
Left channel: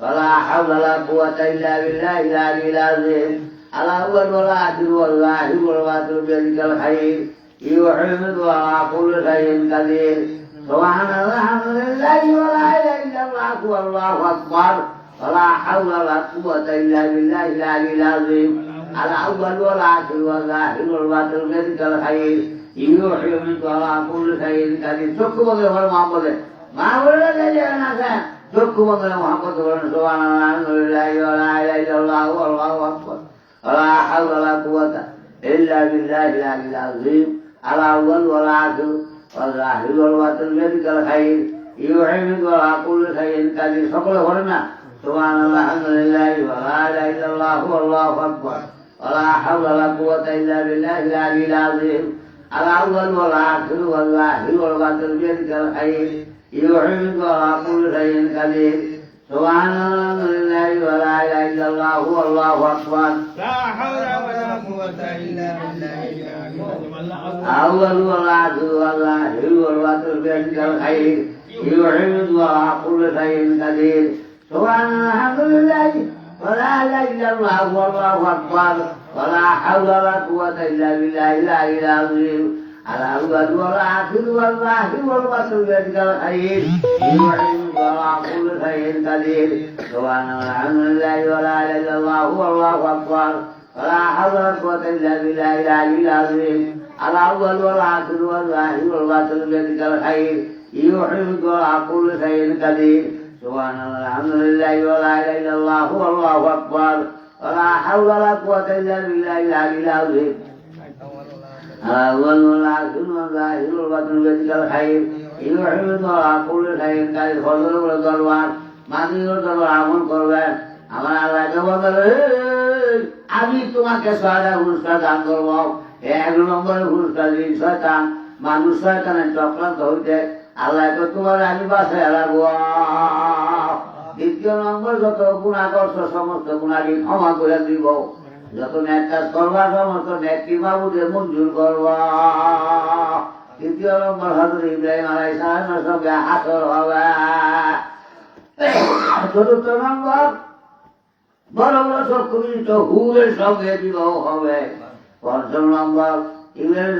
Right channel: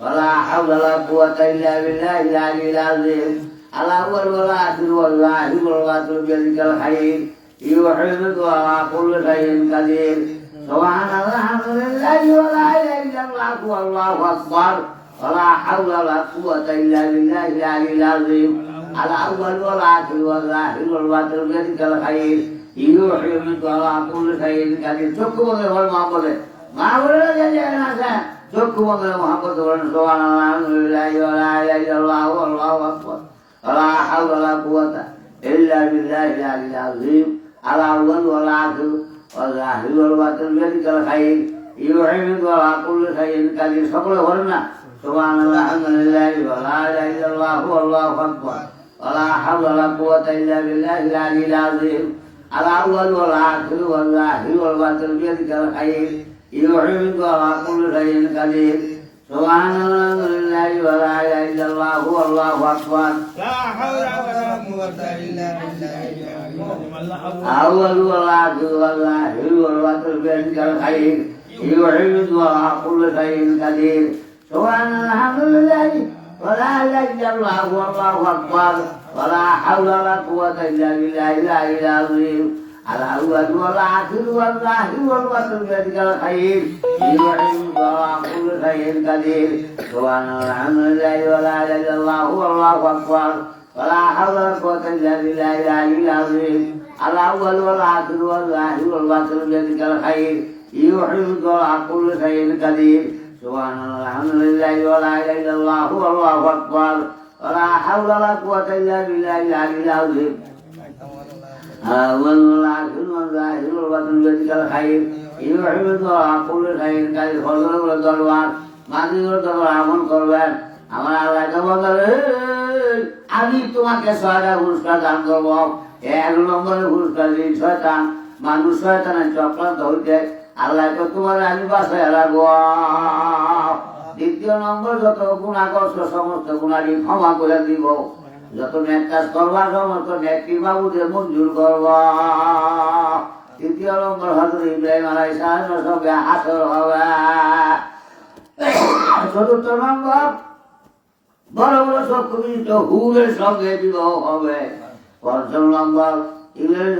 ওয়া লা হাওলা ওয়া লা কুওয়াতা ইল্লা বিল্লাহিল আলিয়্যিল আযীম الأول والآخر والظاهر والباطن بيدك الخير يوحد على كل شيء قدير سبحان الله الحمد لله ولا إله إلا الله والله أكبر ولا حول ولا قوة إلا بالله العلي العظيم الأول والآخر والظاهر والباطن بيدك الخير يوحد على كل شيء قدير شكرا لله المعبود মা বলে যে না চক্ষু বন্ধরে মহাপত করেন সুবহানাল্লাহ আলহামদুলিল্লাহ ওয়া লা ইলাহা ইল্লাল্লাহ আল্লাহু আকবার লা হাওলা ওয়া লা কুওয়াতা ইল্লা বিল্লাহিল আলিয়্যিল আযীম আলা আউয়াল ওয়া লা আখির ওয়া যাহির ওয়া বাতিন বিয়াদিকাল খায়র ইউহিবু ওয়া কুল্লু শাইইন কাদির সকলে বলে না সুবহানাল্লাহ আলহামদুলিল্লাহ ওয়া লা ইলাহা ইল্লাল্লাহ আল্লাহু আকবার ওয়া লা হাওলা ওয়া লা কুওয়াতা ইল্লা বিল্লাহিল আলিয়্যিল আযীম على أول والآخر والظاهر والباطن بيدك الخير يحييك على كل شيء قدير سبحان الله لله ولا إله إلا الله هو الله أكبر لا حول ولا قوة إلا بالله أول والآخر والظاهر والباطن بيدك الخير يحييك على كل شيء قدير سبحان الحمد لله ولا إله إلا الله هو الله أكبر ولا حول ولا قوة إلا بالله العلي العظيم على أول والآخر والظاهر والباطن بيدك الخير يحييك على كل شيء قدير سبحان الله الحمد لله ولا إله إلا الله هو الله أكبر ولا حول ولا قوة إلا بالله العلي العظيم على أول والآخر والظاهر والباطن بيدك الخير يحييك على كل شيء قدير سبحان الله الحمد لله ولا إله إلا الله هو الله أكبر ولا حول ولا قوة إلا بالله العلي العظيم أول والآخر والظاهر والباطن بيدك الخير يحييك على كل شيء قدير ফজর করে দরবার মাগরিবের দরবার আমল করবেন আমার আল্লাহকে বলবেন আমি তোমাকে 6টা পুরস্কার দান করব 1 নম্বরে পুরস্কার দিন শয়তান মানুষ শয়তানের চক্রান্ত হইতে আল্লাহকে তোমার আমি বাসায় রাখবো দ্বিতীয় নম্বর যত গুণাগ্রস্ত সমস্ত গুণাটি ক্ষমা করে দিব যত নেক কাজ করবার সমস্ত নেকটি মাহবুদের মঞ্জুর করব তৃতীয় নম্বর হযরত ইব্রাহিম আলাইহিস সালামের সঙ্গে হাসর হবে চতুর্থ নম্বর বড় বড় সত্যবিষ্ট হুরের সঙ্গে বিবাহ হবে পঞ্চম নম্বর ইংরেজ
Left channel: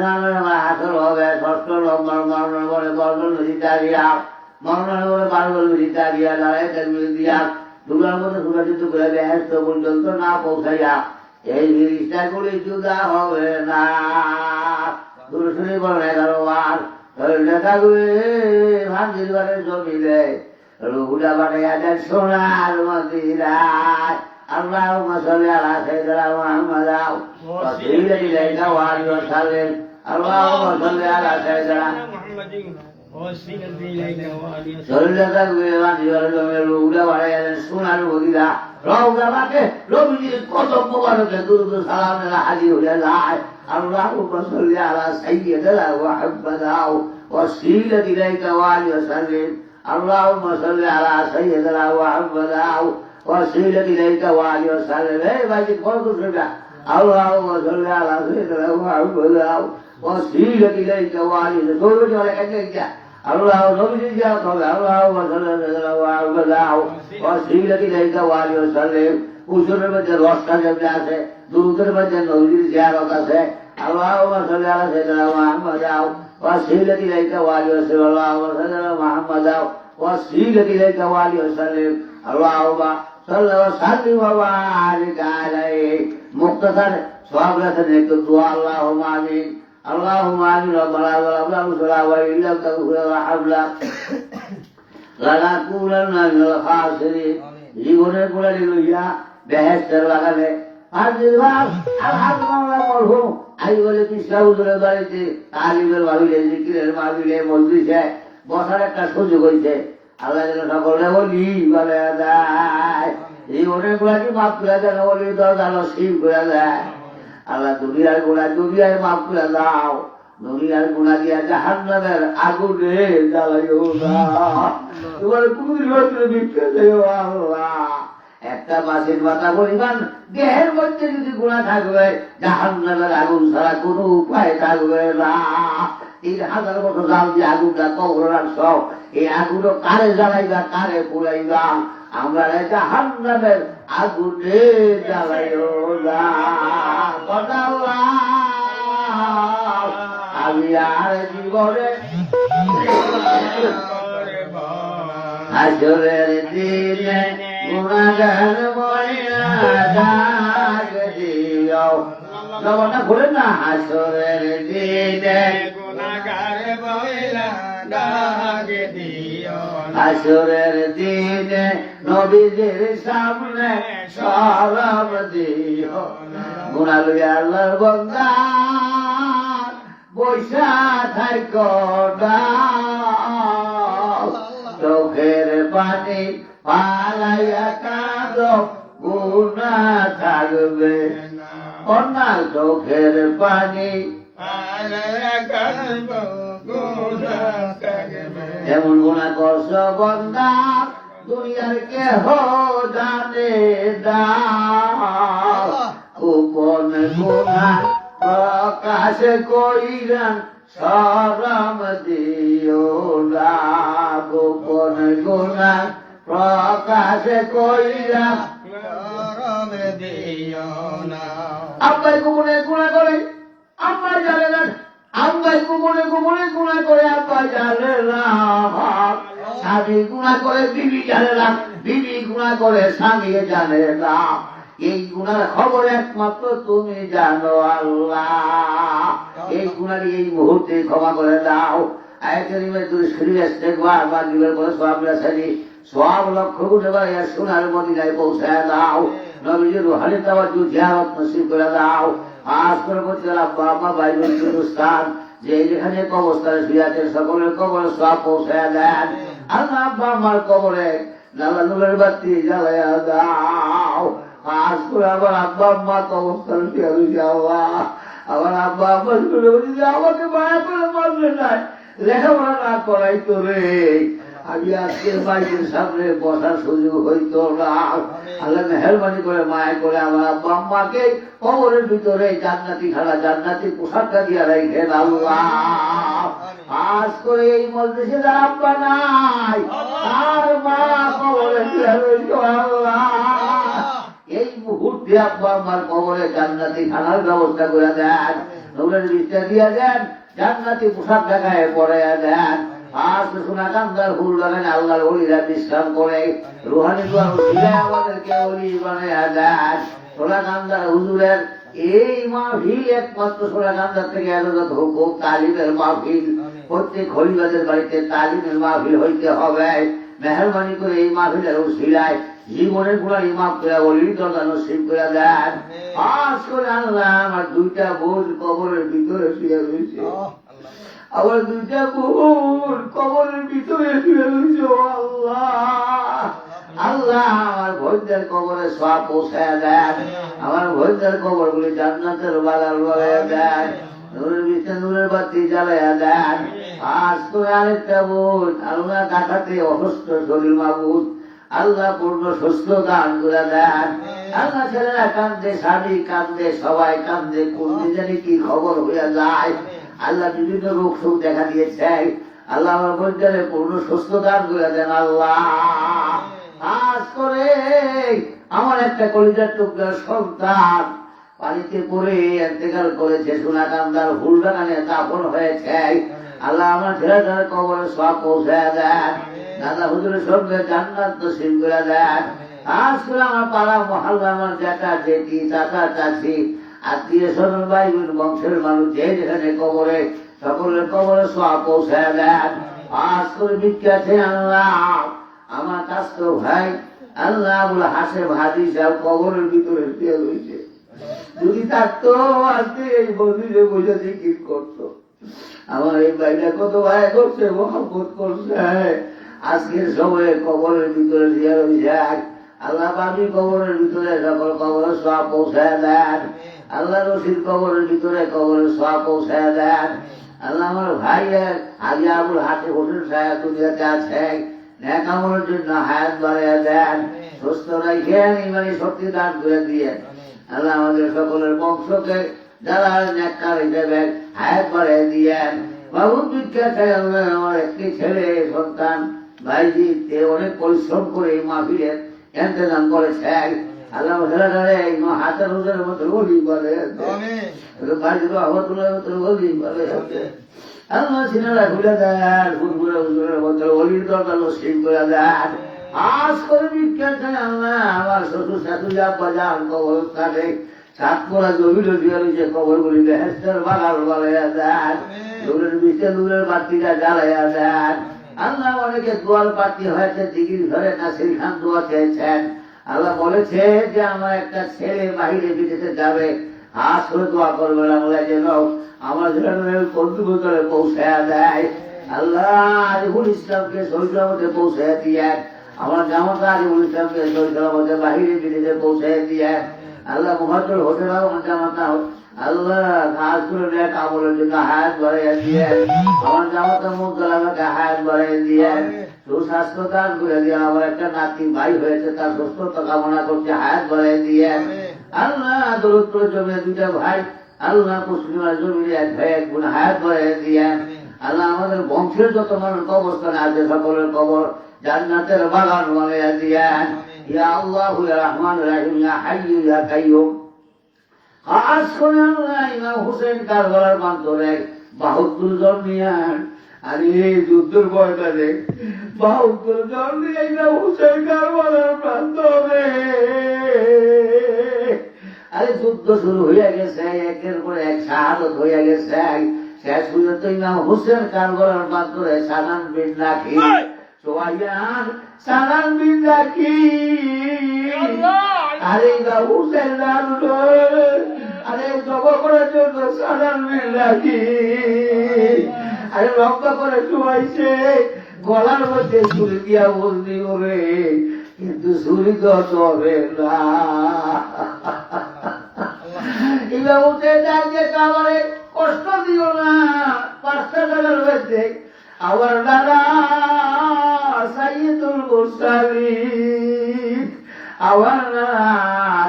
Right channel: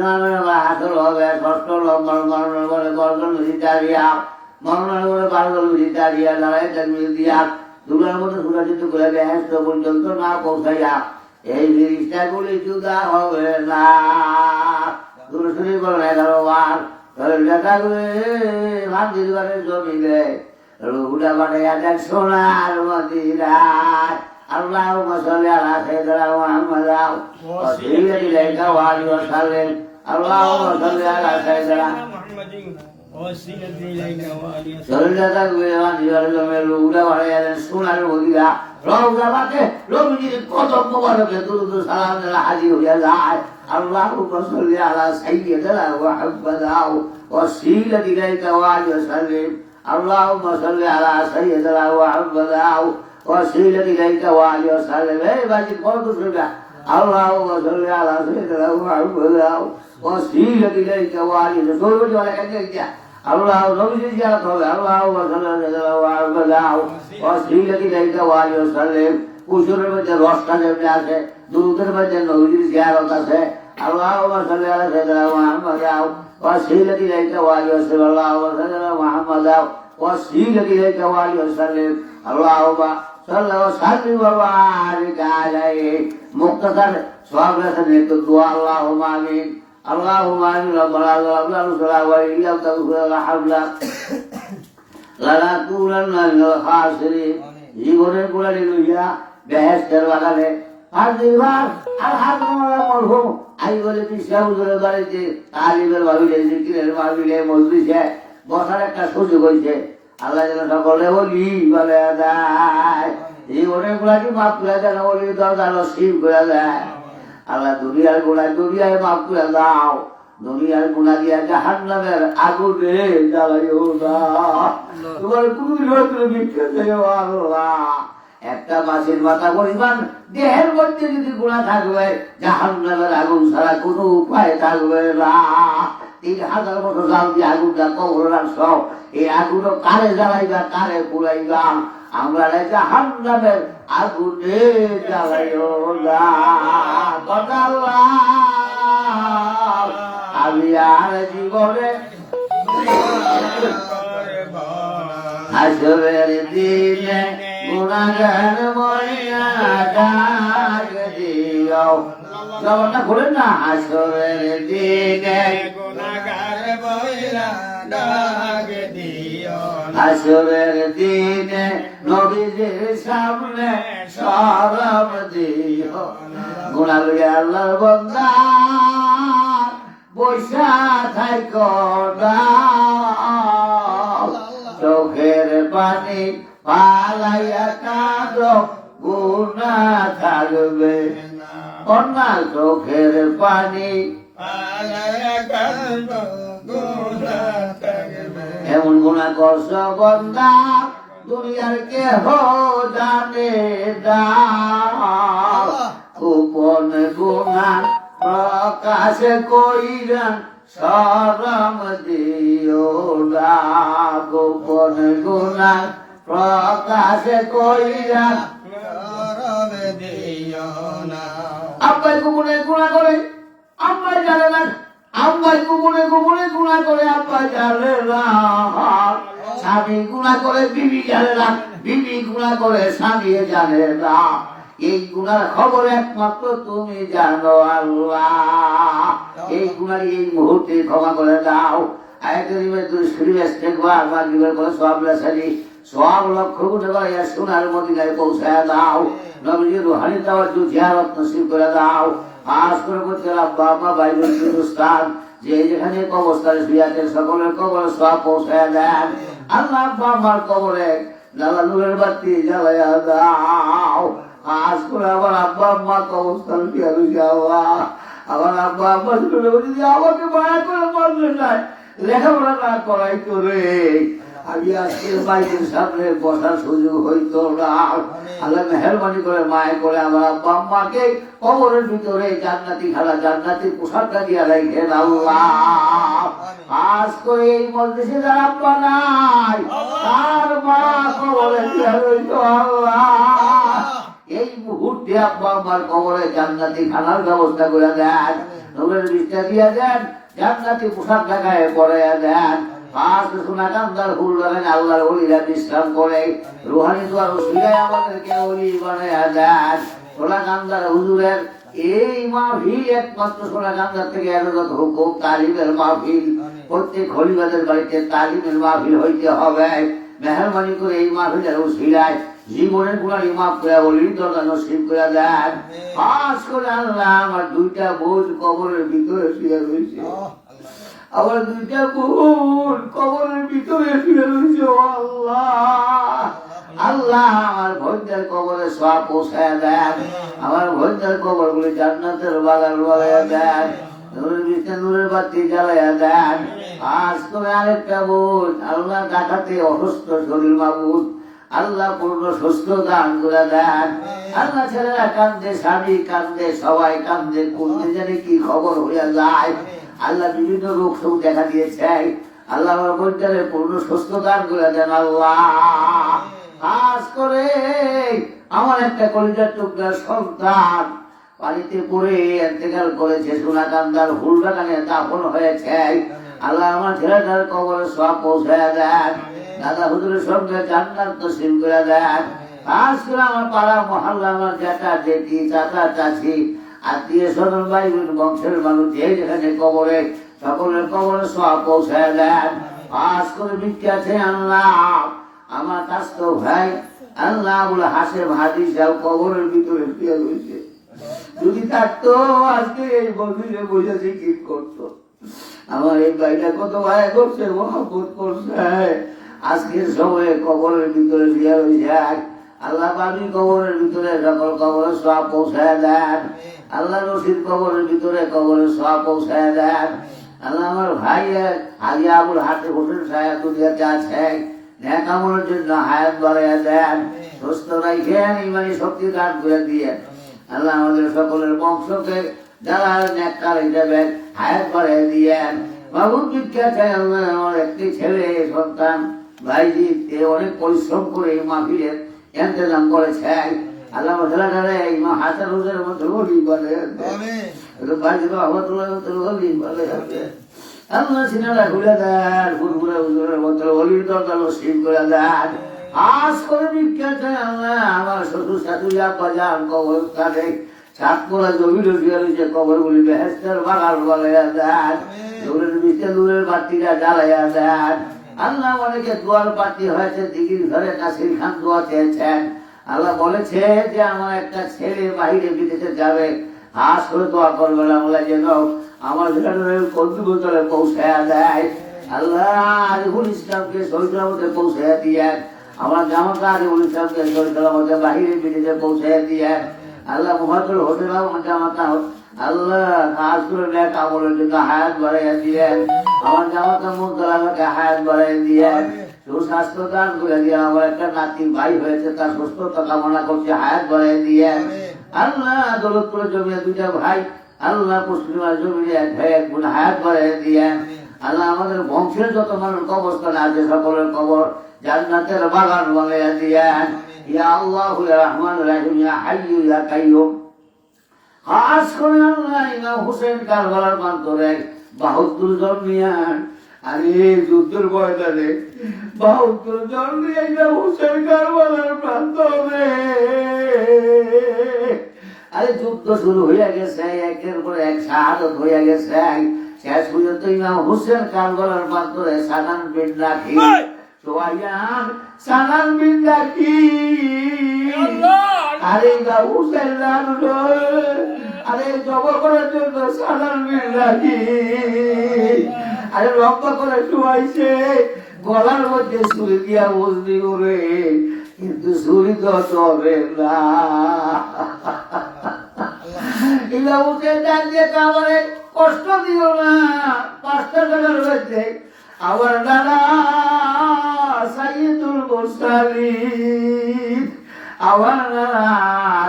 হাসর হবে ষষ্ঠ নম্বর মরণের পরে গর্জন দাঁড়িয়া মরণের পরে বারগল দাঁড়িয়া দাঁড়ায় মিল দিয়া দুর্গার মতো সুরাজিত করে ব্যস্ত পর্যন্ত না পৌঁছাইয়া এই জিনিসটা গুলি জুদা হবে না দুরুশরীফ বলেন 11 বার শরীরটা থাকবে ভাত দিবারের জমিলে রুহুটা বানাইয়া দেন সোনার মদিনায় আল্লাহুম্মা সাল্লি আলা সাইয়্যিদিনা মুহাম্মাদ ওয়া সাল্লি আলাইহি ওয়া আলিহি ওয়া সাল্লাম আল্লাহুম্মা সাল্লি আলা সাইয়্যিদিনা محمد وسيلة إليك وآله শরীরটা থাকবে ভাত দিবারের জমিলে রুহুটা বানাইয়া দেন সোনার মদিনা রওজাটাকে রবির কদম মোবারকে দুরূদ ও সালামের হাজির হয়ে যায় আল্লাহুম্মা সাল্লি আলা সাইয়্যিদিনা মুহাম্মাদ ওয়া সাল্লি ইলাইকা ওয়া আলিহি ওয়া সাল্লাম আল্লাহুম্মা সাল্লি আলা সাইয়্যিদিনা মুহাম্মাদ ওয়া সাল্লি ইলাইকা ওয়া আলিহি ওয়া সাল্লাম এই বাজি বলতো সেটা আল্লাহুম্মা সাল্লি আলা সাইয়্যিদিনা মুহাম্মাদ ওয়া সাল্লি ইলাইকা ওয়া আলিহি ওয়া সাল্লাম সবাই আল্লাহ নবীজি জিয়ারত হবে আল্লাহুম্মা সাল্লি আলা মুহাম্মাদ ওয়া সাল্লি ইলাইকা ওয়া আলিহি ওয়া সাল্লাম কুসুরের মধ্যে রসটা যেমনি আছে দুরুদের মধ্যে নবীজির জিয়ারত আছে আল্লাহুম্মা সাল্লি আলা সাইয়্যিদিনা মুহাম্মাদ ওয়া সাল্লি ইলাইকা ওয়া আলিহি ওয়া সাল্লাম আল্লাহুম্মা সাল্লি আলা মুহাম্মাদ ওয়া সাল্লি ইলাইকা ওয়া আলিহি ওয়া সাল্লাম আল্লাহুম্মা সাল্লি ওয়া সাল্লিম ওয়া বারিক আলাইহি মুক্তাসার সওয়াব রাখেন একটু দোয়া আল্লাহুম্মা আমিন اللهم آمين ربنا ظلمنا وإن لم تغفر لنا لنكونن من الخاسرين জীবনের গুলারে লইয়া বেহেশতের বাগানে আর দিবার আল্লাহর মরহুম আই বলে পিসাউদের বাড়িতে তালিবের মাহফিলে জিকিরের মাহফিলে মজলিসে বসার একটা সুযোগ হইছে আল্লাহ যেন সকলে বলি বলে যায় জীবনের গুলাকে মাফ করে দেন বলি দরজা নসিব করে দেয় আল্লাহ দুনিয়ার গুণা দুনিয়ায় মাফ করে দাও দুনিয়ার গুণা দিয়া জাহান্নামের আগুনে জ্বালাইও না তোমার কুদরত বিচ্ছে দেও আল্লাহ একটা মাছের মাথা পরিমাণ দেহের মধ্যে যদি গুণা থাকবে জাহান্নামের আগুন ছাড়া কোনো উপায় থাকবে না 3000 বছর যাও যে আগুনটা কবর সব এই আগুনও কারে জ্বালাইবা কারে পুরাইবা আমরা জাহান্নামের আগুনে জ্বালাইও না আমি আর জীবনে হাসরের দিনে গুনাহগার ময়না ডাক দিও জবানটা খুলেন না হাসরের দিনে গুনাহগার ময়না ডাকে দিও না হাসরের দিনে নবীজির সামনে শরম দিও না গুনাহগার আল্লাহর বান্দা বৈশা থাইকো না চোখের পানি পালাইয়া কাঁদো গুনাহ থাকবে না চোখের পানি এমন গুনাহ করছো বান্দা দুনিয়ার কেহ জানে না গোপন গুনাহ প্রকাশ কইরা শরম দিও না গোপন গুনাহ প্রকাশ কইরা আব্বাই গোপনে গুনাহ করে আব্বাই জানে না আব্বাই গোপনে গোপনে গুনাহ করে আব্বাই জানে না স্বামী গুনাহ করে বিবি জানে না বিবি গুনাহ করে স্বামী জানে না এই গুনার খবর একমাত্র তুমি জানো আল্লাহ এই গুনার এই মুহূর্তে ক্ষমা করে দাও আয়াতের তুই শরীর ইস্তেগফার বা দিবের বলে সওয়াব রাসালি সওয়াব লক্ষ কোটি টাকা সোনার মদিনায় পৌঁছায় দাও নবীজির রুহানি তাওয়াজ্জু জিয়ারত নসিব করে দাও আজ করে করতে আব্বা আম্মা ভাই বোন উস্তাদ যে যেখানে কবরস্থানে শুয়ে আছেন সকলের কবরে সওয়াব পৌঁছায় দেন আল্লাহ আব্বা আমার কবরে নালা নূরের বাতি জ্বালাইয়া দাও আজ করে আমার আব্বা আম্মা কবরস্থানে শুয়ে রয়েছে আল্লাহ আমার আব্বা আম্মা শুয়ে রয়েছে আমাকে মায়া করে মারবে না লেখাপড়া না করাই করে আমি আজকে বাইকের সামনে বসার সুযোগ হইতো না আল্লাহ মেহরবানি করে মায়া করে আমার আব্বা আম্মাকে কবরের ভিতরে জান্নাতি খালা জান্নাতি পোশাকটা দিয়ে রেখেন আল্লাহ আজ করে এই মজলিসে যারা আব্বা নাই তার মা কবরে দিয়ে রইতো আল্লাহ এই মুহূর্তে আব্বা আমার কবরে জান্নাতি খানার ব্যবস্থা করে দেন নবীর বিস্তার দিয়ে দেন জান্নাতি পোশাক ঢাকায় পরে দেন আজ সোনা কান্দার ফুল লাগান আল্লাহর ওলিরা বিশ্রাম করে রুহানি দুয়ার উসিলায় আমাদেরকে ওলি বানায়া দেন সোনা কান্দার হুজুরের এই মাহফিল একমাত্র সোনা কান্দার থেকে এত হুকুম তালিমের মাহফিল প্রত্যেক খলিফাদের বাড়িতে তালিমের মাহফিল হইতে হবে মেহরবানি করে এই মাহফিলের উসিলায় জীবনের গুণার মাফ করে ওলির দরজা নসিব করে দেন আজ করে আল্লাহ আমার দুইটা বোন কবরের ভিতরে শুয়ে রয়েছে আমার দুইটা বোন কবরের ভিতরে শুয়ে রয়েছে আল্লাহ আল্লাহ আমার ভোজদের কবরে সওয়াব পৌঁছায় দেন আমার ভোজদের কবর গুলি জান্নাতের বাগান বাগায় দেন নূরের বাতি জ্বালাইয়া দেন আজ করে আরেকটা বোন আল্লাহ কাটাতে অসুস্থ শরীর মাবুদ আল্লাহ পূর্ণ সুস্থ দান করে দেন আল্লাহ ছেলেরা কান্দে স্বামী কান্দে সবাই কান্দে কোন জানি কি খবর হয়ে যায় আল্লাহ বিভিন্ন রোগ শোক দেখা দিয়েছে আল্লাহ আমার বৈদ্যারে পূর্ণ সুস্থ দান করে দেন আল্লাহ আজ করে আমার একটা কলিজার টুকরার সন্তান পানিতে পড়ে ইন্তেকাল করেছে সোনা কান্দার হুল বাগানে দাফন হয়েছে আল্লাহ আমার ছেলেটার কবরে সওয়াব পৌঁছায় দেন দাদা হুজুরের সঙ্গে জান্নাত নসিব করে দেন আজ করে আমার পাড়া মহল্লার জ্যাঠা জেঠি চাচা চাচি আত্মীয় স্বজন ভাই বোন বংশের মানুষ যে যেখানে কবরে সকলের কবরে সওয়াব পৌঁছায় দেন আজ করে বিক্রি আছে আল্লাহ আমার কাছ তো ভাই আল্লাহ বলে হাসের ভাতি সাহেব কবরের ভিতরে শুয়ে রয়েছে যদি থাকতো আজকে এই মন্দিরে বসে কি করতো আমার এই ভাইটা কত ভাই করছে মহব্বত করছে আজকের সময়ে কবরের ভিতরে দিয়ে রয়েছে আল্লাহ দামি কবরের ভিতরে সকল কবরে সওয়াব পৌঁছায় দেন আল্লাহ রশিদ কবরের ভিতরে কবরে সওয়াব পৌঁছায় দেন আল্লাহ আমার ভাইয়ের হাজি আবুল হাতে হোসেন সাহেব দুনিয়াতে আছেন নেক আমলের জন্য হায়াত বাড়াইয়া দেন সুস্থ রাখেন ইমানি শক্তি দান করে দিয়ে আল্লাহ আমাদের সকলের বংশকে যারা নেককার হিসেবে হায়াত বাড়াইয়া দিয়েন বাবু বিখ্যাত আল্লাহ আমার একটি ছেলে সন্তান ভাইজি অনেক পরিশ্রম করে এই মাহফিলের ইন্তজাম করেছে আল্লাহ ছেলেটারে এই হাসান হুজুরের মতো গরিব বলে ভাইজি রহমতুল্লাহ মতো গরিব বলে আল্লাহ সিনারা খুলে দেন ফুরফুরে হুজুরের মতো গরিব দরজা নসিব করে দেন আজ করে বিখ্যাত আল্লাহ আমার শ্বশুর শাশুড়ি বাজার কবরস্থানে সাতকোলা জমির যে কবরগুলি বেহেস্তের বাগান বলাইয়া দেন, নূরের ভিতরে নূরের বাতিরা জ্বালাইয়া দেন। আল্লাহ অনেকে দোয়ার প্রার্থী হয়েছে, দিঘির ঘরে নাসির খান দোয়া চেয়েছেন। আল্লাহ বলেছে যে আমার একটা ছেলে বাহিরে বিদেশে যাবে, হাস করে দোয়া করবে আল্লাহ যেন আমার কর্তৃপক্ষে পৌঁছায়া দেয়। আল্লাহ আরিফুল ইসলামকে সৈকতে পৌঁছায়া দিয়ে, আমার জামাতা আরিফুল ইসলামকে সৈকতে বাহিরে বিদেশে পৌঁছায়া দিয়ে। আল্লাহ মুহাজ্জর হতে দাও আমার জামাতা, আল্লাহ কাজ করে দেখ আমলের জন্য হায়াত বাড়াইয়া দিয়ে, আমার জামাতা মুদ্রাকে হায়াত বাড়াইয়া দিয়ে, সুস্বাস্থ্য দান করে দিয়ে। আমার একটা নাতি ভাই হয়েছে, তার সুস্থতা কামনা করছে, হায়াত বাড়াইয়া দিয়ে। আল্লাহ দরিদ্র জমিয়ে দুটা ভাই, আল্লাহ মুসলিমার জমিয়ে এক ভাই এক গুণ হায়াত বাড়াইয়া দিয়ে। আল্লাহ আমাদের বংশের যত মানুষ কবরস্থানে আছে সকলের কবর জান্নাতের বাগান বানাইয়া দিয়েন। ইয়া আল্লাহ ইয়া রহমান রাহিম ইয়া হাইয়্যু ইয়া কাইয়্যুম। খাস করে আল্লাহ ইমাম হোসেন কারবালার প্রান্তরে ৭২ জন নিয়ে, আর এই যুদ্ধের ময়দানে ৭২ জন নিয়ে ইমাম হোসেন কারবালার প্রান্তরে। আরে যুদ্ধ শুরু হইয়া গেছে, একের পর এক শাহাদত হইয়া গেছে। শেষ পর্যন্ত ইমাম হোসেন কারবালার প্রান্তরে সালাম বিন রাখি সোয়াইয়ান সালাম বিন রাখি। আরে ইমাম হোসেন আরে জব করার জন্য সালাম বিন রাখি, আরে লম্বা করে শুয়াইছে, গলার মধ্যে ছুরি দিয়া বন্দি করে, কিন্তু ছুরি তো চলে না। ইমাম হোসেন ডাক দিয়ে কাবারে কষ্ট দিও না, ৫টা টাকার মধ্যে আমার দাদা সাইয়্যিদুল মুরসালিন, আমার নানা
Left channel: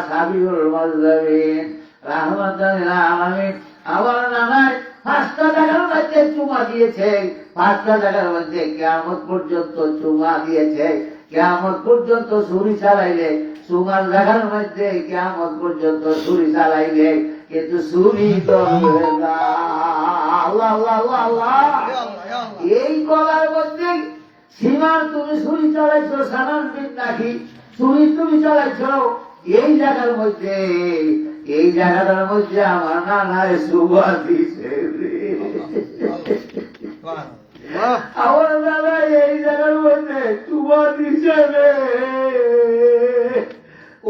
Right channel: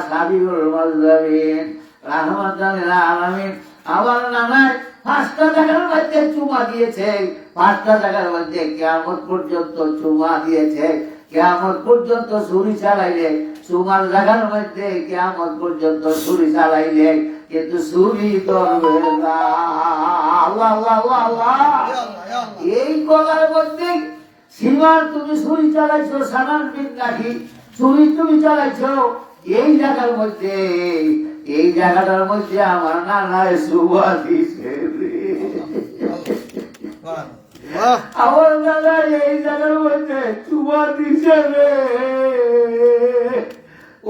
সাবিউল মুরসালিন রাহমাতুল লিল আলামিন, আমার নানায় ৫টা টাকার মধ্যে চুমা দিয়েছে, ৫টা টাকার মধ্যে কিয়ামত পর্যন্ত চুমা দিয়েছে। কিয়ামত পর্যন্ত ছুরি চালাইলে, চুমার জায়গার মধ্যে কিয়ামত পর্যন্ত ছুরি চালাইলে কিন্তু ছুরি করবে না। আল্লাহ আল্লাহ আল্লাহ। এই গলার মধ্যে সীমার তুমি ছুরি চালাইছো, সালাম বিন রাখি ছুরি তুমি চালাইছো, এই জায়গার মধ্যে, এই জায়গাটার মধ্যে আমার নানায় সুবা দিছে। আমার নানা এই জায়গার মধ্যে সুবা দিছে রে।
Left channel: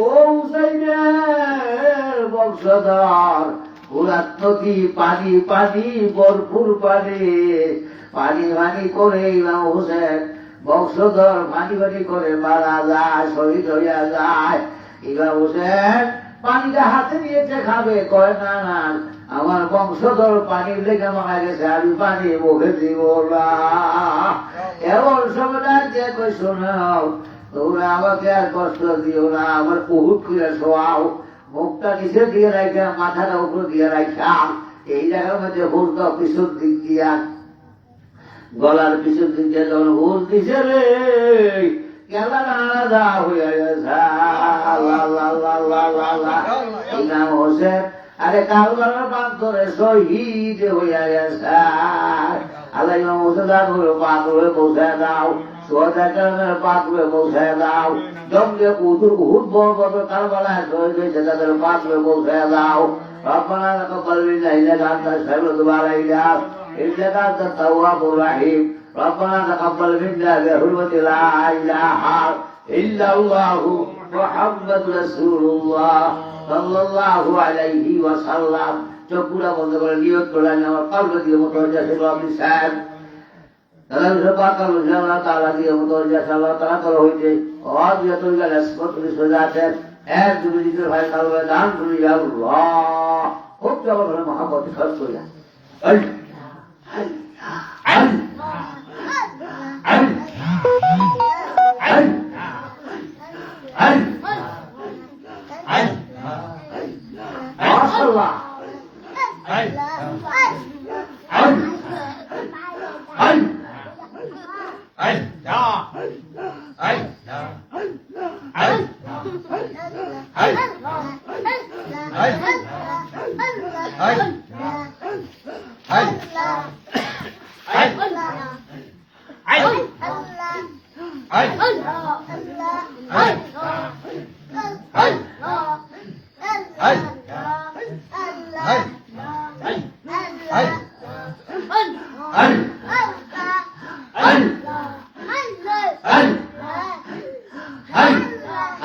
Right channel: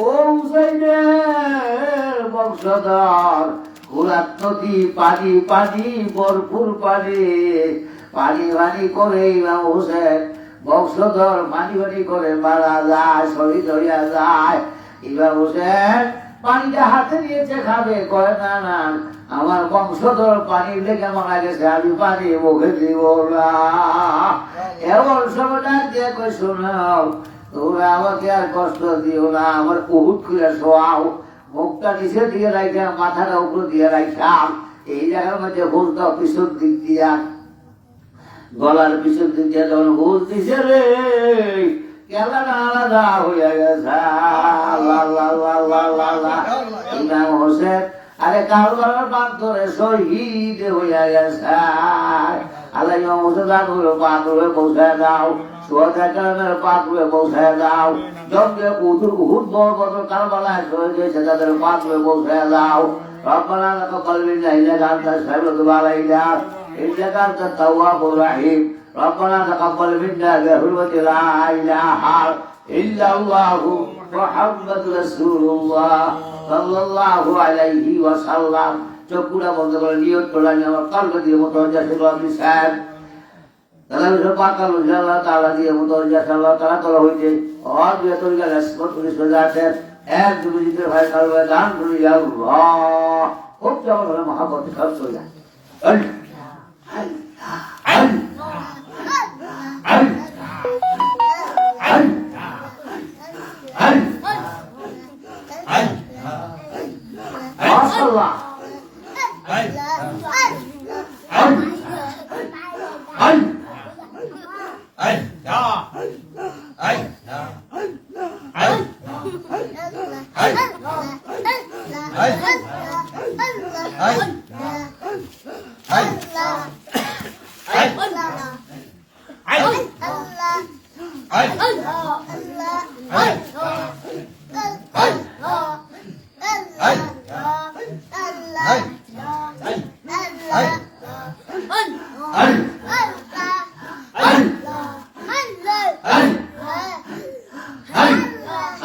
ও হুসাইনের বংশধর, গোলাপ নদী পানি পানি ভরপুর পানি, পানি পানি করে ইমাম হোসেন বংশধর পানি পানি করে মারা যায়, শহীদ হইয়া যায়। ইমাম হোসেন পানিটা হাতে নিয়েছে, খাবে, কয় না না আমার বংশধর পানির লেগে মারা গেছে, আমি পানি মুখে দিব না। এমন সময় দিয়ে কই শোনাও, তোমরা আমাকে আর কষ্ট দিও না, আমার বহুত করে শোয়াও, মুখটা নিচে দিয়ে রাখা, মাথাটা উপর দিয়ে রাখাম, এই জায়গার মধ্যে হুল দাও পিছন দিক দিয়া, গলার পিছন দিক দিয়ে যখন হুল দিছে রে, কেলাটা আলাদা হইয়া গেছে। ইমাম হোসেন আরে কারবালার প্রান্তরে শহীদ হইয়া গেছে। আল্লাহ ইমাম হোসেন পাথরে পৌঁছায় দাও, সোহাদা কারণের পাথরে পৌঁছায় দাও, জন্মে উহুদ বড় কারবালায় শহীদ হয়েছে তাদের পাথরে পৌঁছায় দাও। রব্বানা তাকাব্বাল মিন্না ইন্নাকা আনতাস সামিউল আলিম ইন্নাকা আনতাত তাওয়াবুর রহিম। রব্বানা তাকাব্বাল মিন্না বিহুরমতি লা ইলাহা ইল্লাল্লাহু মুহাম্মাদুর রাসূলুল্লাহ সাল্লাল্লাহু আলাইহি ওয়াসাল্লাম। চোখগুলা বন্ধ করে নিয়ত করে আমার কলবে দিয়ে মুতওয়াজ্জিহ সাল্লাল্লাহু সাহেব তারা পাকাল আল্লাহ তাআলা দিয়ে মুতওয়াজ্জিহ সাল্লাল্লাহু তাআলা করা হইতে আর বিয়াতুল রেসপন্স করে আছে। এক দুবিজিত ভাই কলবে দান করে ইয়া আল্লাহ, খুব জবর মহব্বত সব চলে যায়।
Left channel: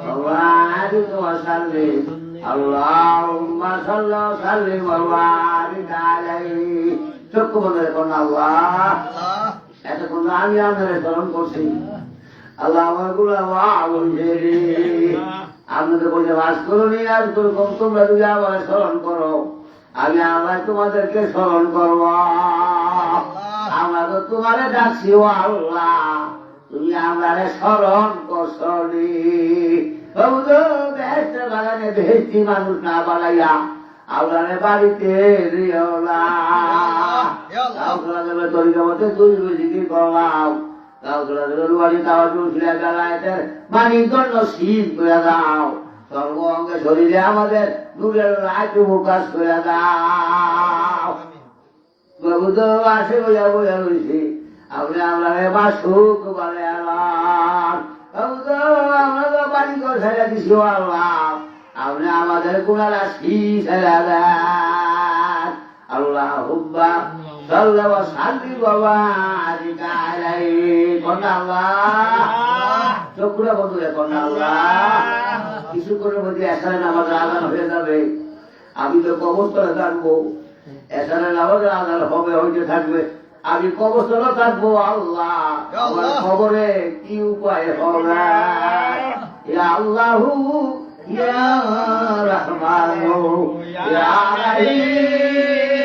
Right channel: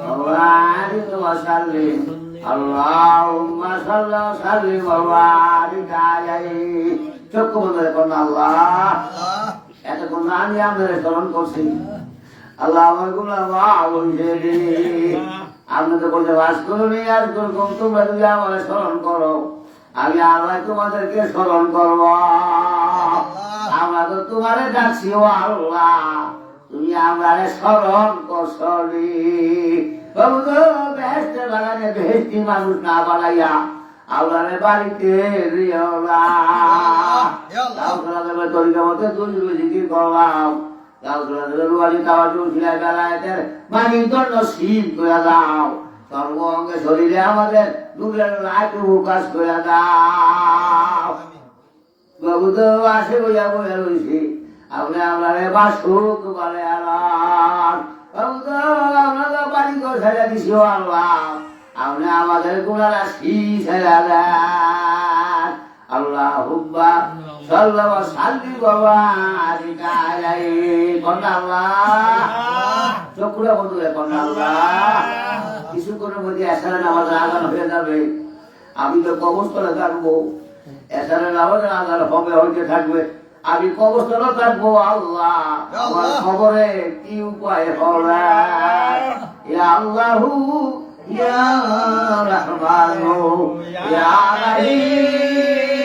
وبارك وسلم اللهم صل وسلم وبارك عليه চক্ষু বন্ধ করুন আল্লাহ এতক্ষণ আমি আপনার স্মরণ করছি আল্লাহ আমার গুলো আপনি তো বলতে বাস করুন আর তোমরা যদি আমার স্মরণ করো আমি আল্লাহ তোমাদেরকে স্মরণ করব আমরা তো তোমারে ডাকছি ও আল্লাহ তুমি আমারে স্মরণ করছনি বেহেশতে বাগানে বেহেশতি মানুষ না বানাইয়া আল্লাহরে বাড়িতে করলাম সর্ব অঙ্গে শরীরে আমাদের নূরের লাইট প্রকাশ করে দাও বাবু তো আসে বইয়া বইয়া রয়েছি আপনি আমরা বাসুক বলে আমরা তো বাড়ি করে ছেড়ে দিছি আল্লাহ আপনি আমাদের গুণারা ছেড়ে দেন আল্লাহ হুব্বা সাল্লাহ শান্তি বাবা চক্রা বন্ধু এখন আল্লাহ কিছু করে মধ্যে এসারের আমাদের আগান হয়ে যাবে আমি তো কবস্থলে থাকবো এসারের আমাদের আগান হবে হইতে থাকবে আমি কবস্থলে থাকবো আল্লাহ আমার খবরে কি উপায় হবে আল্লাহু ইয়া রহমানু ইয়া রহিম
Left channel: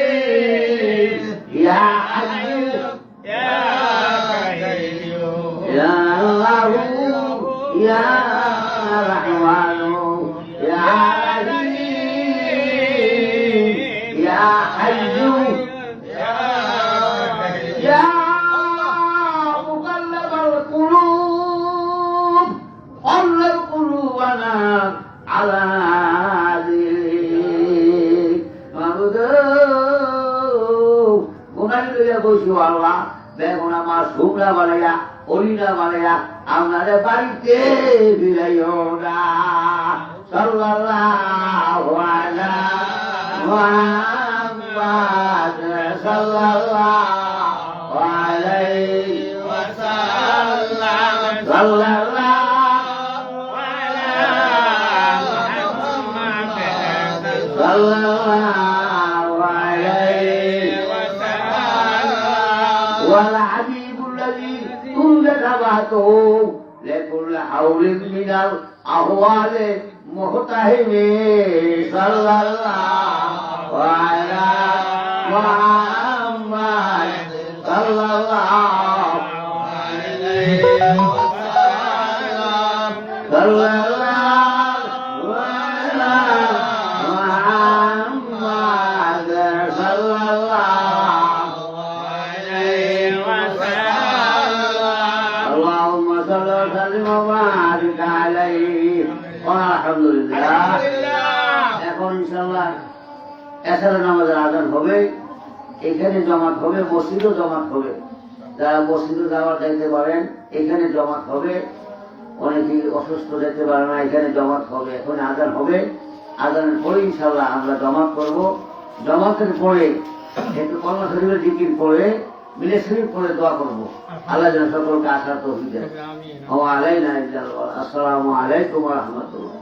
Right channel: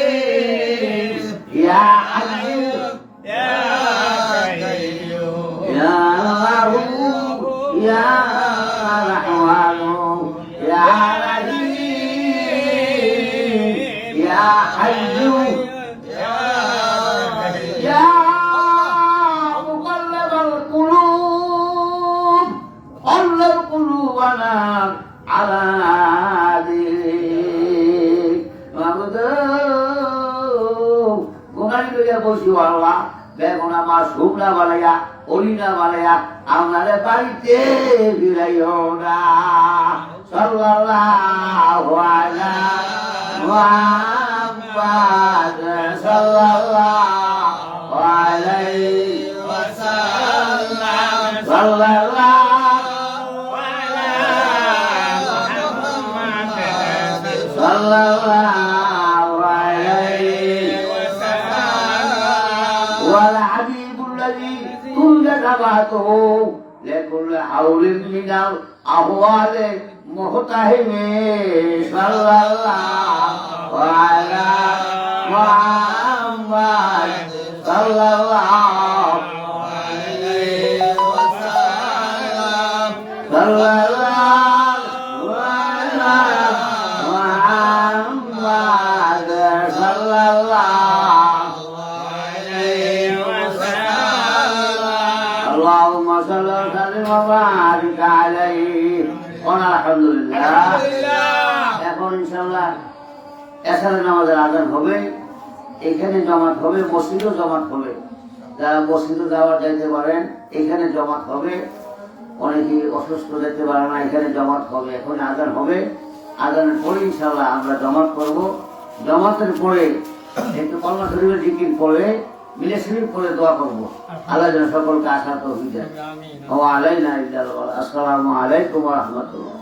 ইয়া আযীজ ইয়া কাইয়্যুম ইয়া আল্লাহু ইয়া রহমানু ইয়া রহিম ইয়া আযীজ ইয়া কাইয়্যুম ইয়া মুকাল্লিবাল কুলুব قلب قلوبنا على دينك গুনারি লইয়া বসি আল্লাহ বেগুনা মা শুকনা বানাইয়া অলিনা বানাইয়া আপনারে বাড়িতে ফিরাইও না সাল্লাল্লাহু আলা মুহাম্মাদ সাল্লাল্লাহু আলাইহি ওয়াসাল্লাম সাল্লাল্লাহু sallallahu alaihi wasallam wal habibul ladzi kunta tabatuhu lekul haulin minal ahwali muhtahimi sallallahu ala muhammad sallallahu alaihi wasallam sallallahu এখন ইনশাআল্লাহ এসার নামাজের আযান হবে এখানে জমাত হবে মসজিদও জমাত হবে যারা মসজিদে যাওয়া যেতে পারেন এখানে জমাত হবে অনেকেই অসুস্থ যেতে পারে না এখানে জমাত হবে এখন আযান হবে আযানের পরে ইনশাআল্লাহ আমরা জমাত করব জমাতের পরে একটু কলমা শরীফের জিকির পড়ে মিলে শরীফ করে দোয়া করবো আল্লাহ যেন সকলকে আশা তৌফিক দেন ওয়া আলাইনা আসসালামু আলাইকুম ওয়া রাহমাতুল্লাহ।